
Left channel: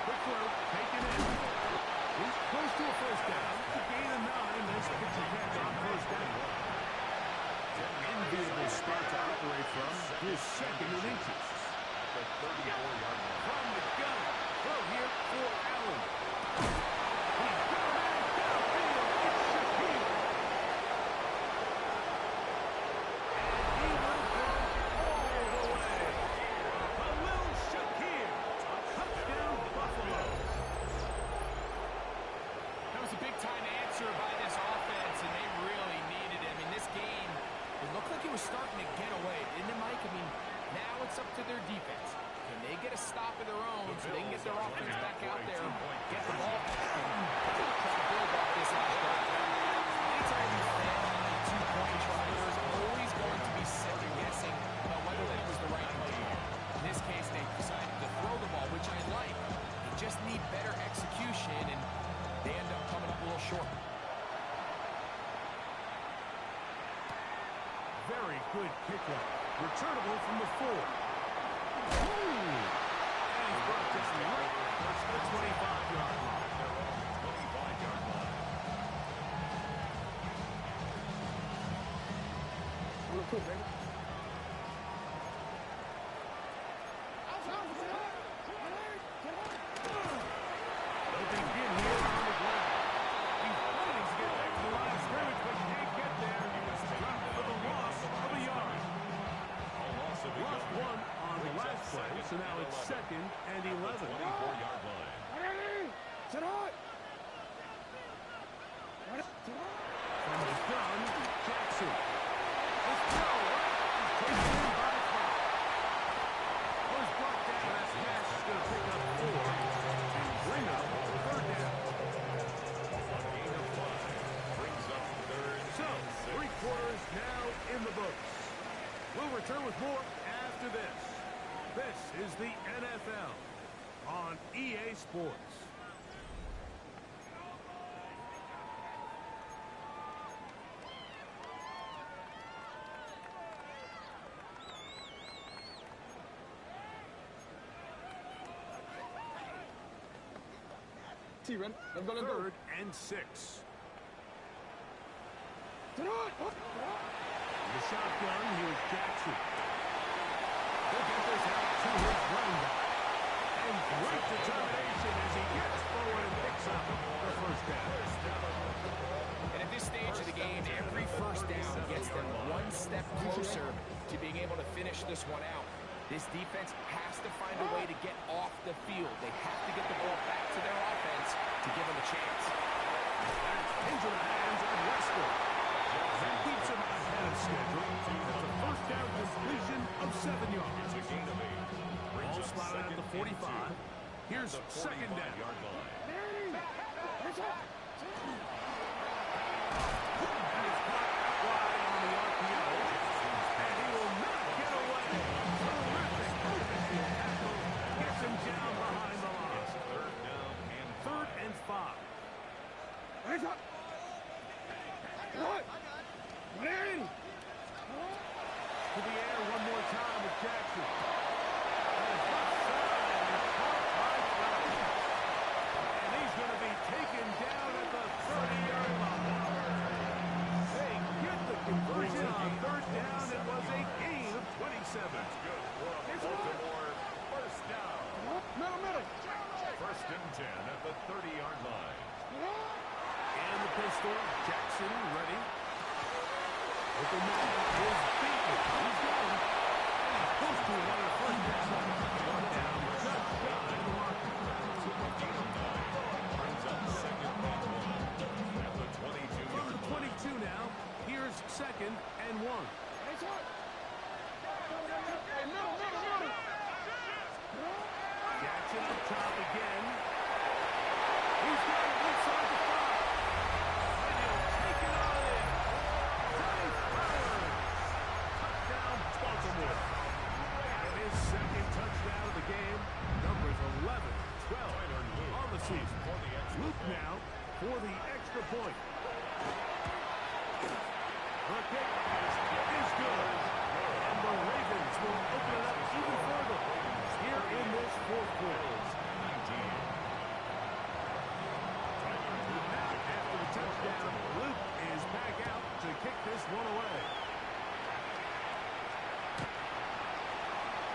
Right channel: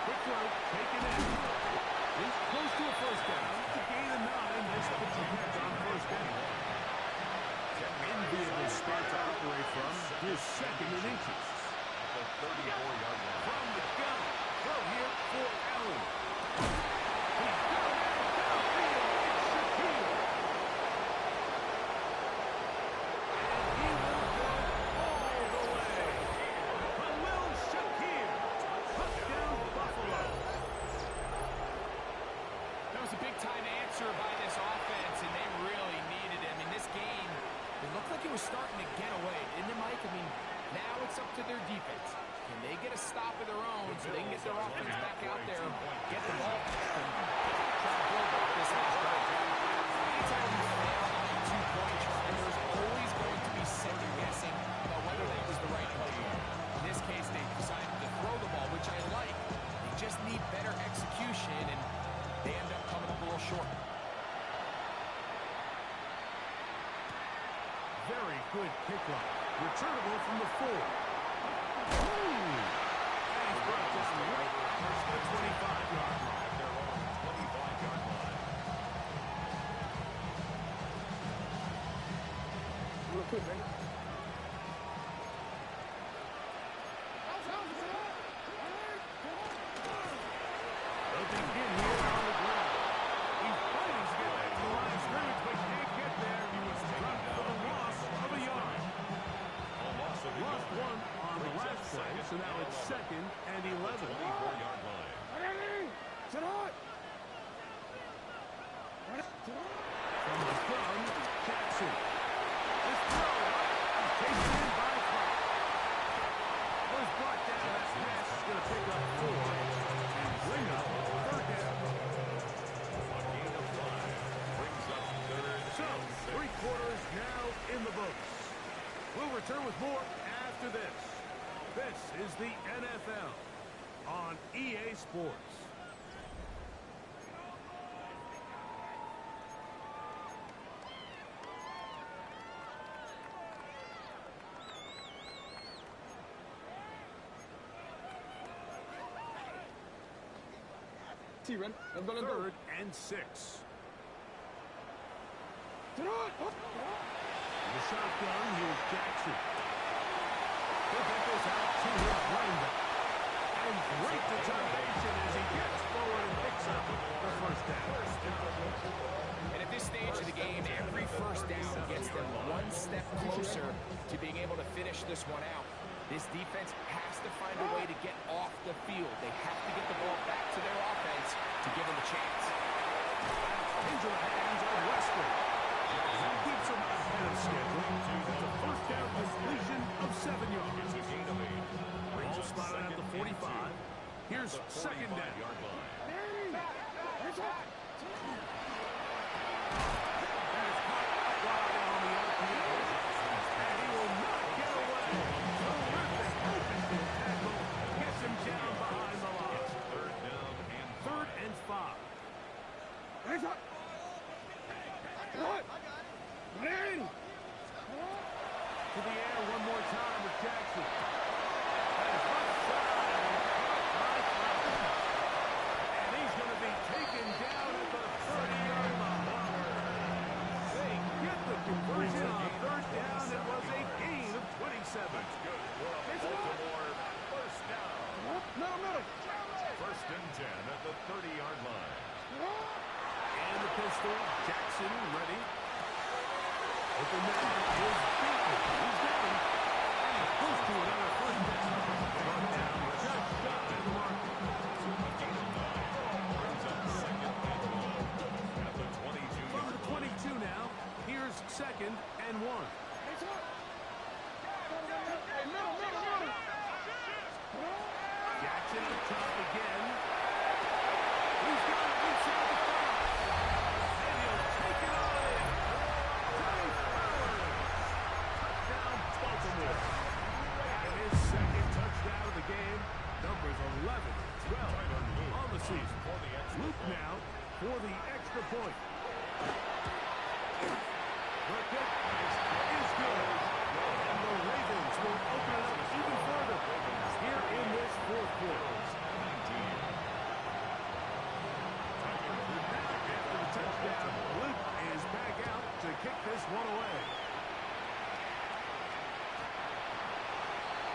Quick throw, taken in. He's close to a first down. To gain a 9. Nice pitching catch on first down. Enviable spot to operate from. His second in inches. At the 34-yard line. From the gun. Throw here for Allen. He's got a man downfield. It's Shakir. And he will go all the way. Khalil Shakir. Touchdown, Buffalo. That was a big-time answer by this offense, and they really needed him. In this game, it looked like it was starting to get away, didn't it, Mike? I mean, now it's up to their defense. Can they get a stop of their own so they can get their offense back out there, get the ball back, and try to build off this last drive? Anytime you fail on a two-point try, there's always going to be second-guessing about whether that was the right play. In this case, they decided to throw the ball, which I like. They just need better execution, and they end up coming up a little short. Very good kickoff. Returnable from the 4. And he's brought down right at the 25-yard line. At their own 25-yard line. Real quick, baby. They'll begin here on the ground. He's fighting to get back to the line of scrimmage, but can't get there. He was dropped for the loss of a yard. A loss of a Lost yard. one on the Brings up last play, second so now and it's 11. second and At the 11. 24-yard line. Sit out. From the gun, Jackson. This throw, he's taken in by Clark. Well, he's brought down. That pass is going to pick up 4 and bring up third down. A gain of 5 brings up third So, and 6. 3 quarters now in the books. We'll return with more after this. This is the NFL on EA Sports. T, ready? Let's go, let's go. Third and 6. Sit out. The shotgun, here's Jackson. He'll get this out to his running back. And great determination as he gets forward and picks up the first down. And at this stage of the game, every first down gets them one step closer to being able to finish this one out. This defense has to find a way to get off the field. They have to get the ball back to their offense to give them a chance. Into the hands of Western. That keeps him ahead of schedule. That's a first down completion of 7 yards. It's a gain of 8. Brings Ball up spotted at second the and 45. 2. Here's At the second down. 45-yard line. That is caught out wide on the RPO. And he will not get away. Terrific open field tackle. Gets him down behind the line. It's third down and 3rd and 5. To the air one more time with Jackson. That is left side and caught by Flowers. And he's going to be taken down at the 30-yard line. They get the conversion on 3rd down. It was a gain of 27. That's good for a Baltimore first down. Middle. First and 10 at the 30-yard line. And the pistol, Jackson ready. Open man is beaten. He's down. And he's close to another first down. Brought down just shy of the marker. A gain of 9 brings up second and 1 at the 22-yard From the line. 22 now, here's second and 1. Jackson up top again. He's got it inside the 5. And he'll take it on in. Dave Flowers. Touchdown, Baltimore. And his second touchdown of the game. Numbers 11, 12 on the season. For the extra Luke point. now for the extra point. The kick is good. And the Ravens will open it up even further. one away.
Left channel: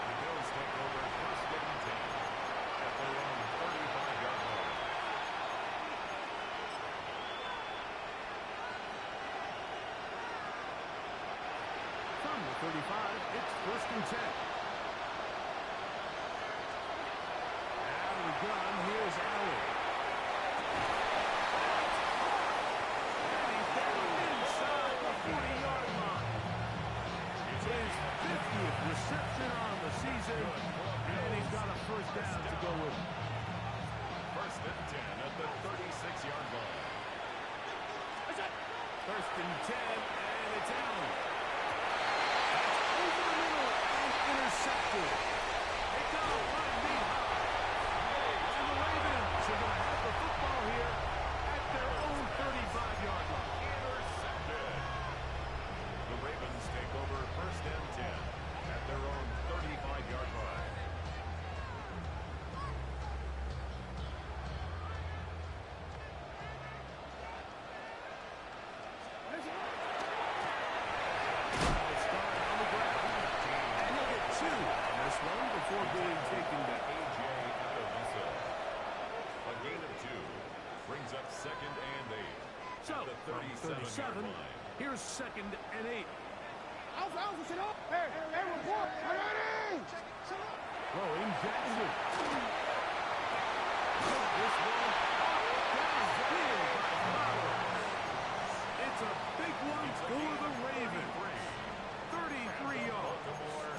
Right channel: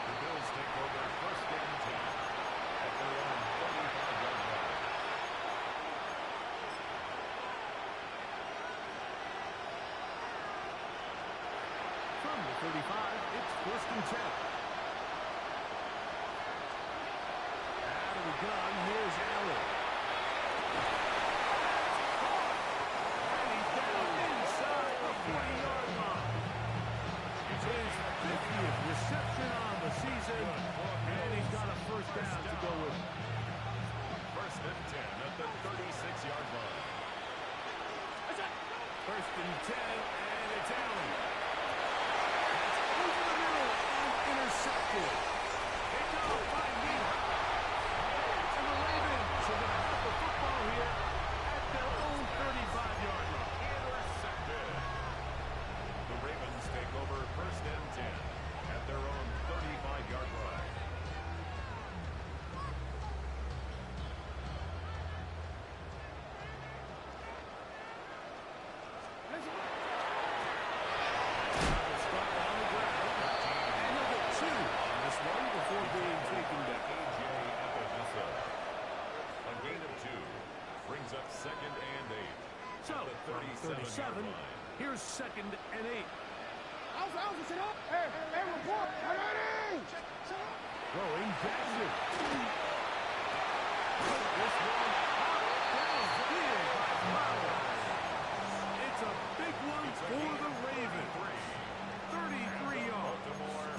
The Bills take over first and 10 at their own 35-yard line. From the 35, it's first and 10. Out of the gun, here's Allen. And he's down inside the 40-yard line. It's his 50th reception on the season, and he's got a first down to go with. First and 10 at the 36-yard line. First and 10, and it's Allen. That's over the middle and intercepted. Picked off by Neha. And the Ravens are going to have the football here at their own 35-yard line. Intercepted. The Ravens take over first and 10 at their own 35-yard line. Start on the ground. And he'll get 2 on this one before being taken down. A.J. Epivesa. A gain of 2 brings up second and 8 So, at the from 37-yard 37, line. here's second and 8. Alpha, sit up. Hey, report. Ready. Throwing Jackson. This one popped downfield by Flowers. It's a big one for the Ravens. 33 yards. Baltimore,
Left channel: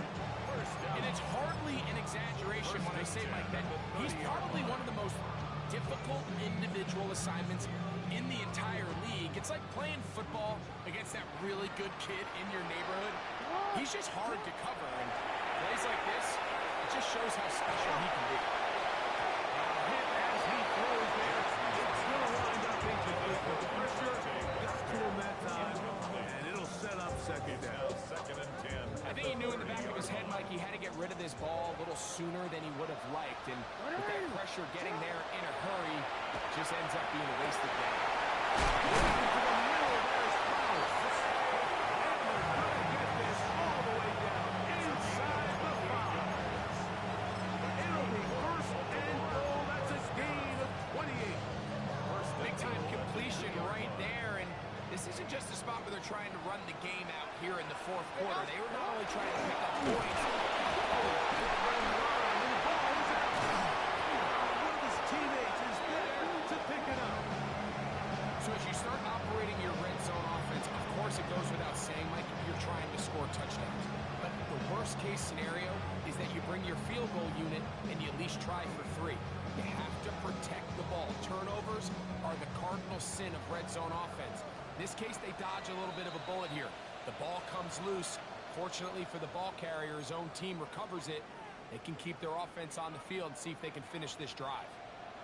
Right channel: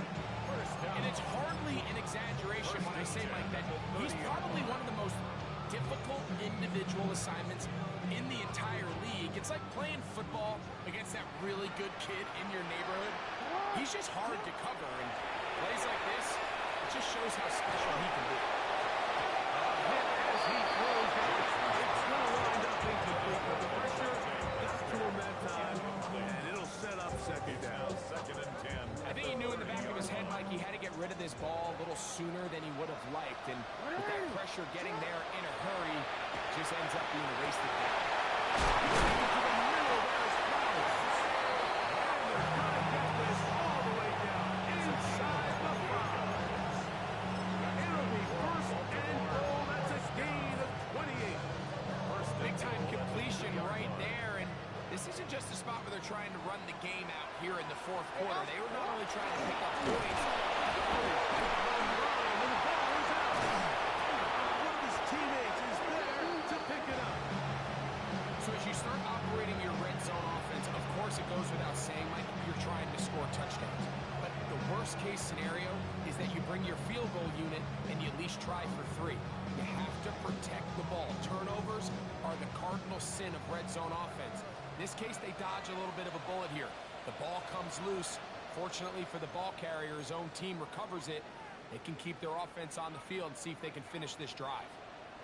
first down. And it's hardly an exaggeration when I say, Mike, that he's probably one of the most difficult individual assignments in the entire league. It's like playing football against that really good kid in your neighborhood. He's just hard to cover, and plays like this, it just shows how special he can be. Hit as he throws there. It's going to wind up incomplete, but the pressure got to him that time, and it'll set up second down. Second and 10. I think he knew in the back of his head, Mike, he had to get rid of this ball a little sooner than he would have liked, and with that pressure getting there in a hurry, just ends up being a wasted down. Into the middle, there's Flowers. And they're going to get this all the way down inside the 5. It'll be first and goal. That's a gain of 28. Big-time completion right there, and this isn't just a spot where they're trying to run the game out here in the fourth quarter. They were not only trying to pick up points. And the ball is out. One of his teammates is there to pick it up. So as you start operating your red zone offense, of course it goes without saying, Mike, you're trying to score touchdowns. But the worst-case scenario is that you bring your field goal unit and you at least try for 3. You have to protect the ball. Turnovers are the cardinal sin of red zone offense. In this case, they dodge a little bit of a bullet here. The ball comes loose. Fortunately for the ball carrier, his own team recovers it. They can keep their offense on the field and see if they can finish this drive.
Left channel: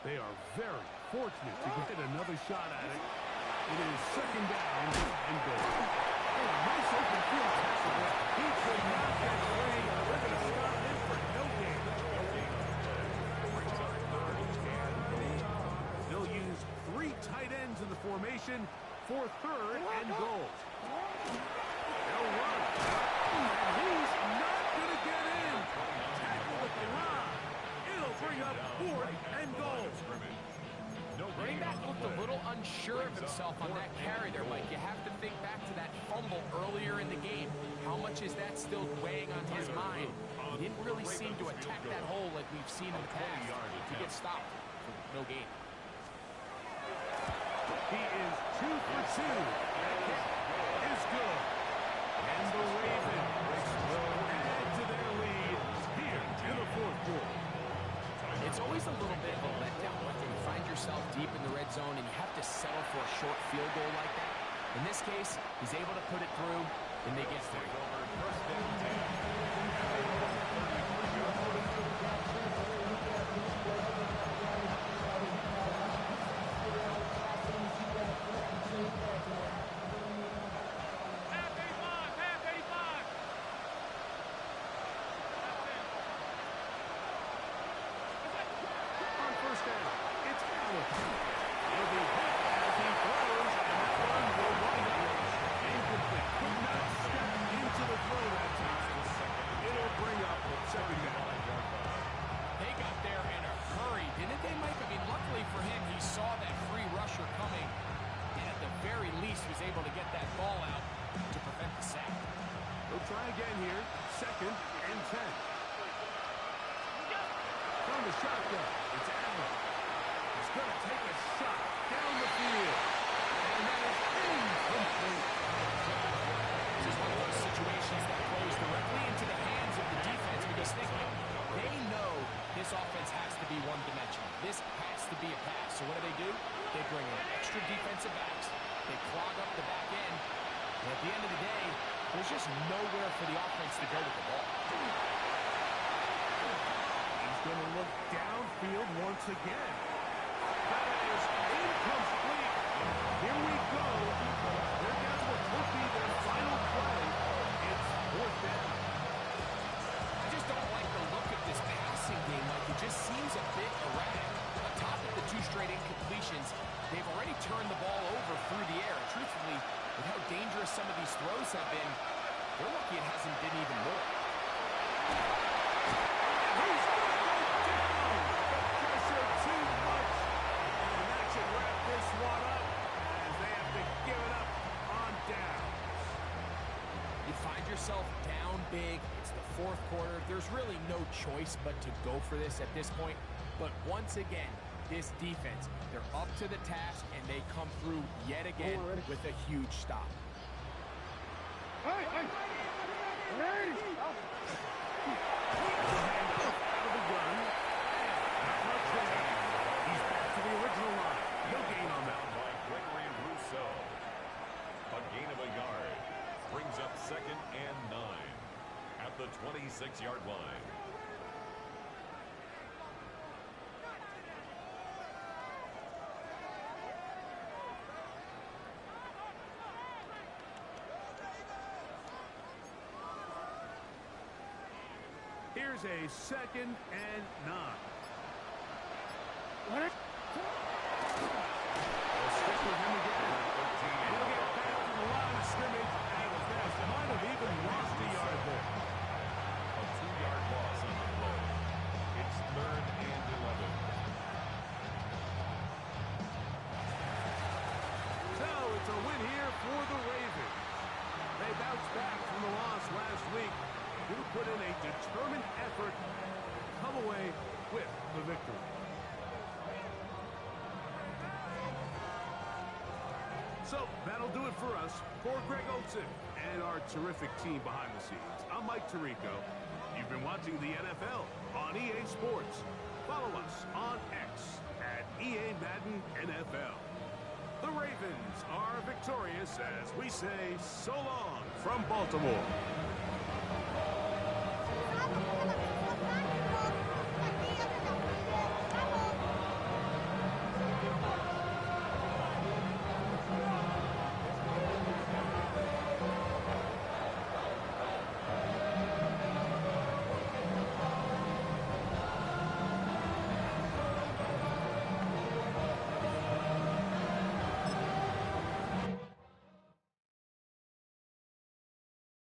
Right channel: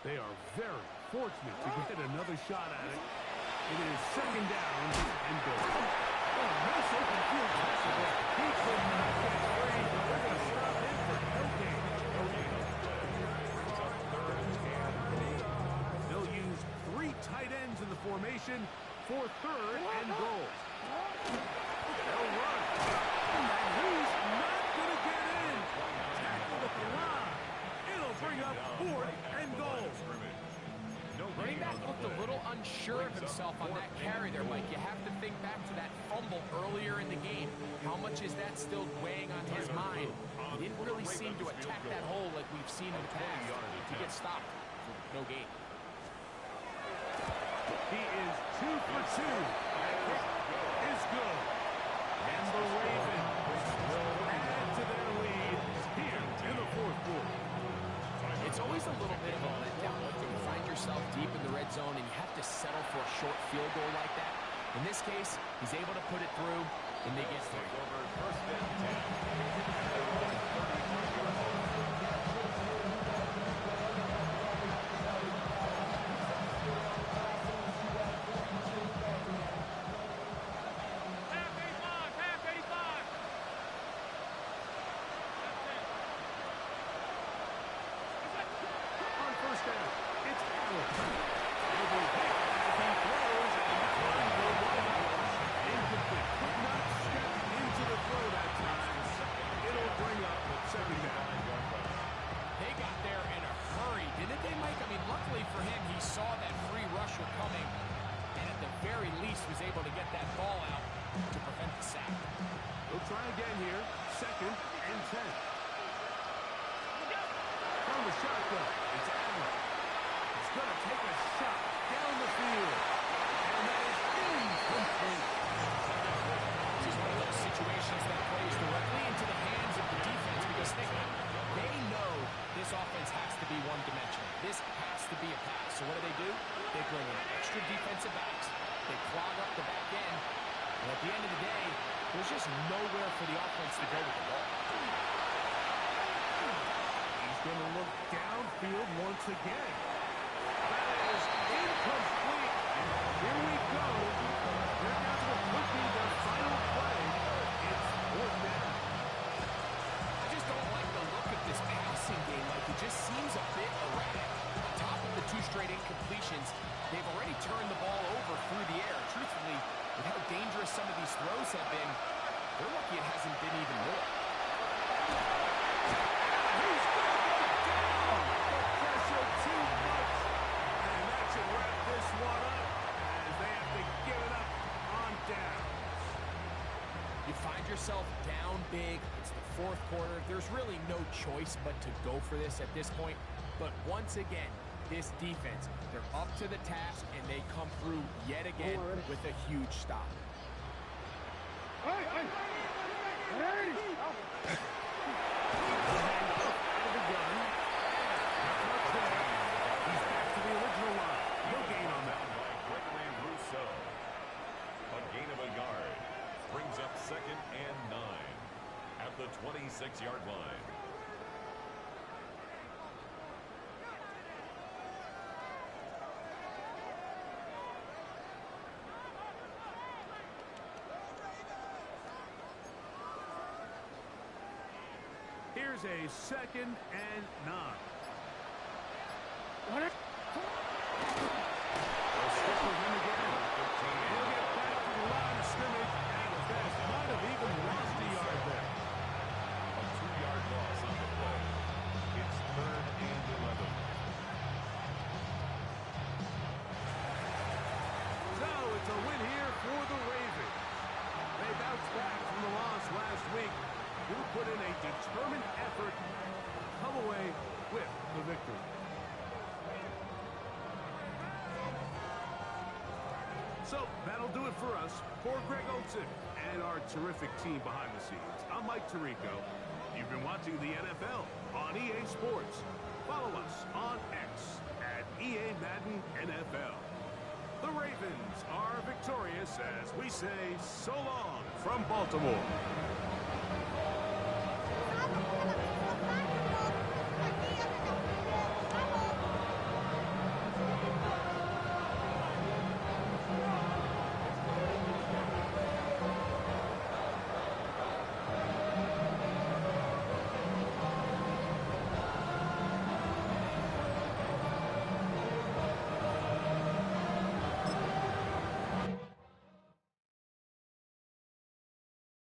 They are very fortunate to get another shot at it. It is second down and goal. Oh, nice open field tackle there. He could not get free. They're going to stop him for no gain. No gain on the play. Brings up third and goal. They'll use 3 tight ends in the formation for third and goal. They'll run. And he's not going to get in. Tackled at the line. It'll bring up fourth and goal. Running back looked a little unsure of himself on that carry there, Mike. You have to think back to that fumble earlier in the game. How much is that still weighing on his mind? He didn't really seem to attack that hole like we've seen in the past. He gets stopped for no gain. He is 2 for 2. That kick is good. And the Ravens will add to their lead here in the fourth quarter. It's always a little bit of a letdown when you find yourself deep in the red zone and you have to settle for a short field goal like that. In this case, he's able to put it through, and they get 3. Over first and 10 at their own 35-yard line. On first down, it's Allen. He'll be hit as he throws, and that one will wind up incomplete. Couldn't least was able to get that ball out to prevent the sack. They'll try again here. 2nd and 10. From the shotgun, it's Allen. He's going to take a shot down the field. And that is incomplete. This is one of those situations that plays directly into the hands of the defense because they know this offense has to be one-dimensional. This has to be a pass. So what do? They bring in extra defensive backs. They clog up the back end. And at the end of the day, there's just nowhere for the offense to go with the ball. He's going to look downfield once again. That is incomplete. Here we go. They're down to what could be their final play. It's 4th down. I just don't like the look of this passing game. Like, it just seems a bit erratic. On top of the 2 straight incompletions, they've already turned the ball over through the air. Truthfully, with how dangerous some of these throws have been, they're lucky it hasn't been even more. He's going to go down. The pressure too much. And that should wrap this one up as they have to give it up on downs. You find yourself down big. It's the 4th quarter. There's really no choice but to go for this at this point. But once again, this defense, they're up to the task, and they come through yet again with a huge stop. Hey, hey. Ready? Handoff out of the gun. Not much there. He's back to the original line. No gain on that. By Gregory Rousseau. A gain of a yard. Brings up 2nd and 9 at the 26-yard line. Here's a 2nd and 9. What? They'll stick with him again. And he'll get back to the line of scrimmage at best. Might have even lost a yard there. A 2-yard loss on the play. It's 3rd and 11. So it's a win here for the Ravens. They bounced back from the loss last week. You put in a determined effort, come away with the victory. So that'll do it for us. For Greg Olsen and our terrific team behind the scenes, I'm Mike Tirico. You've been watching the NFL on EA Sports. Follow us on X at EA Madden NFL. The Ravens are victorious as we say so long from Baltimore.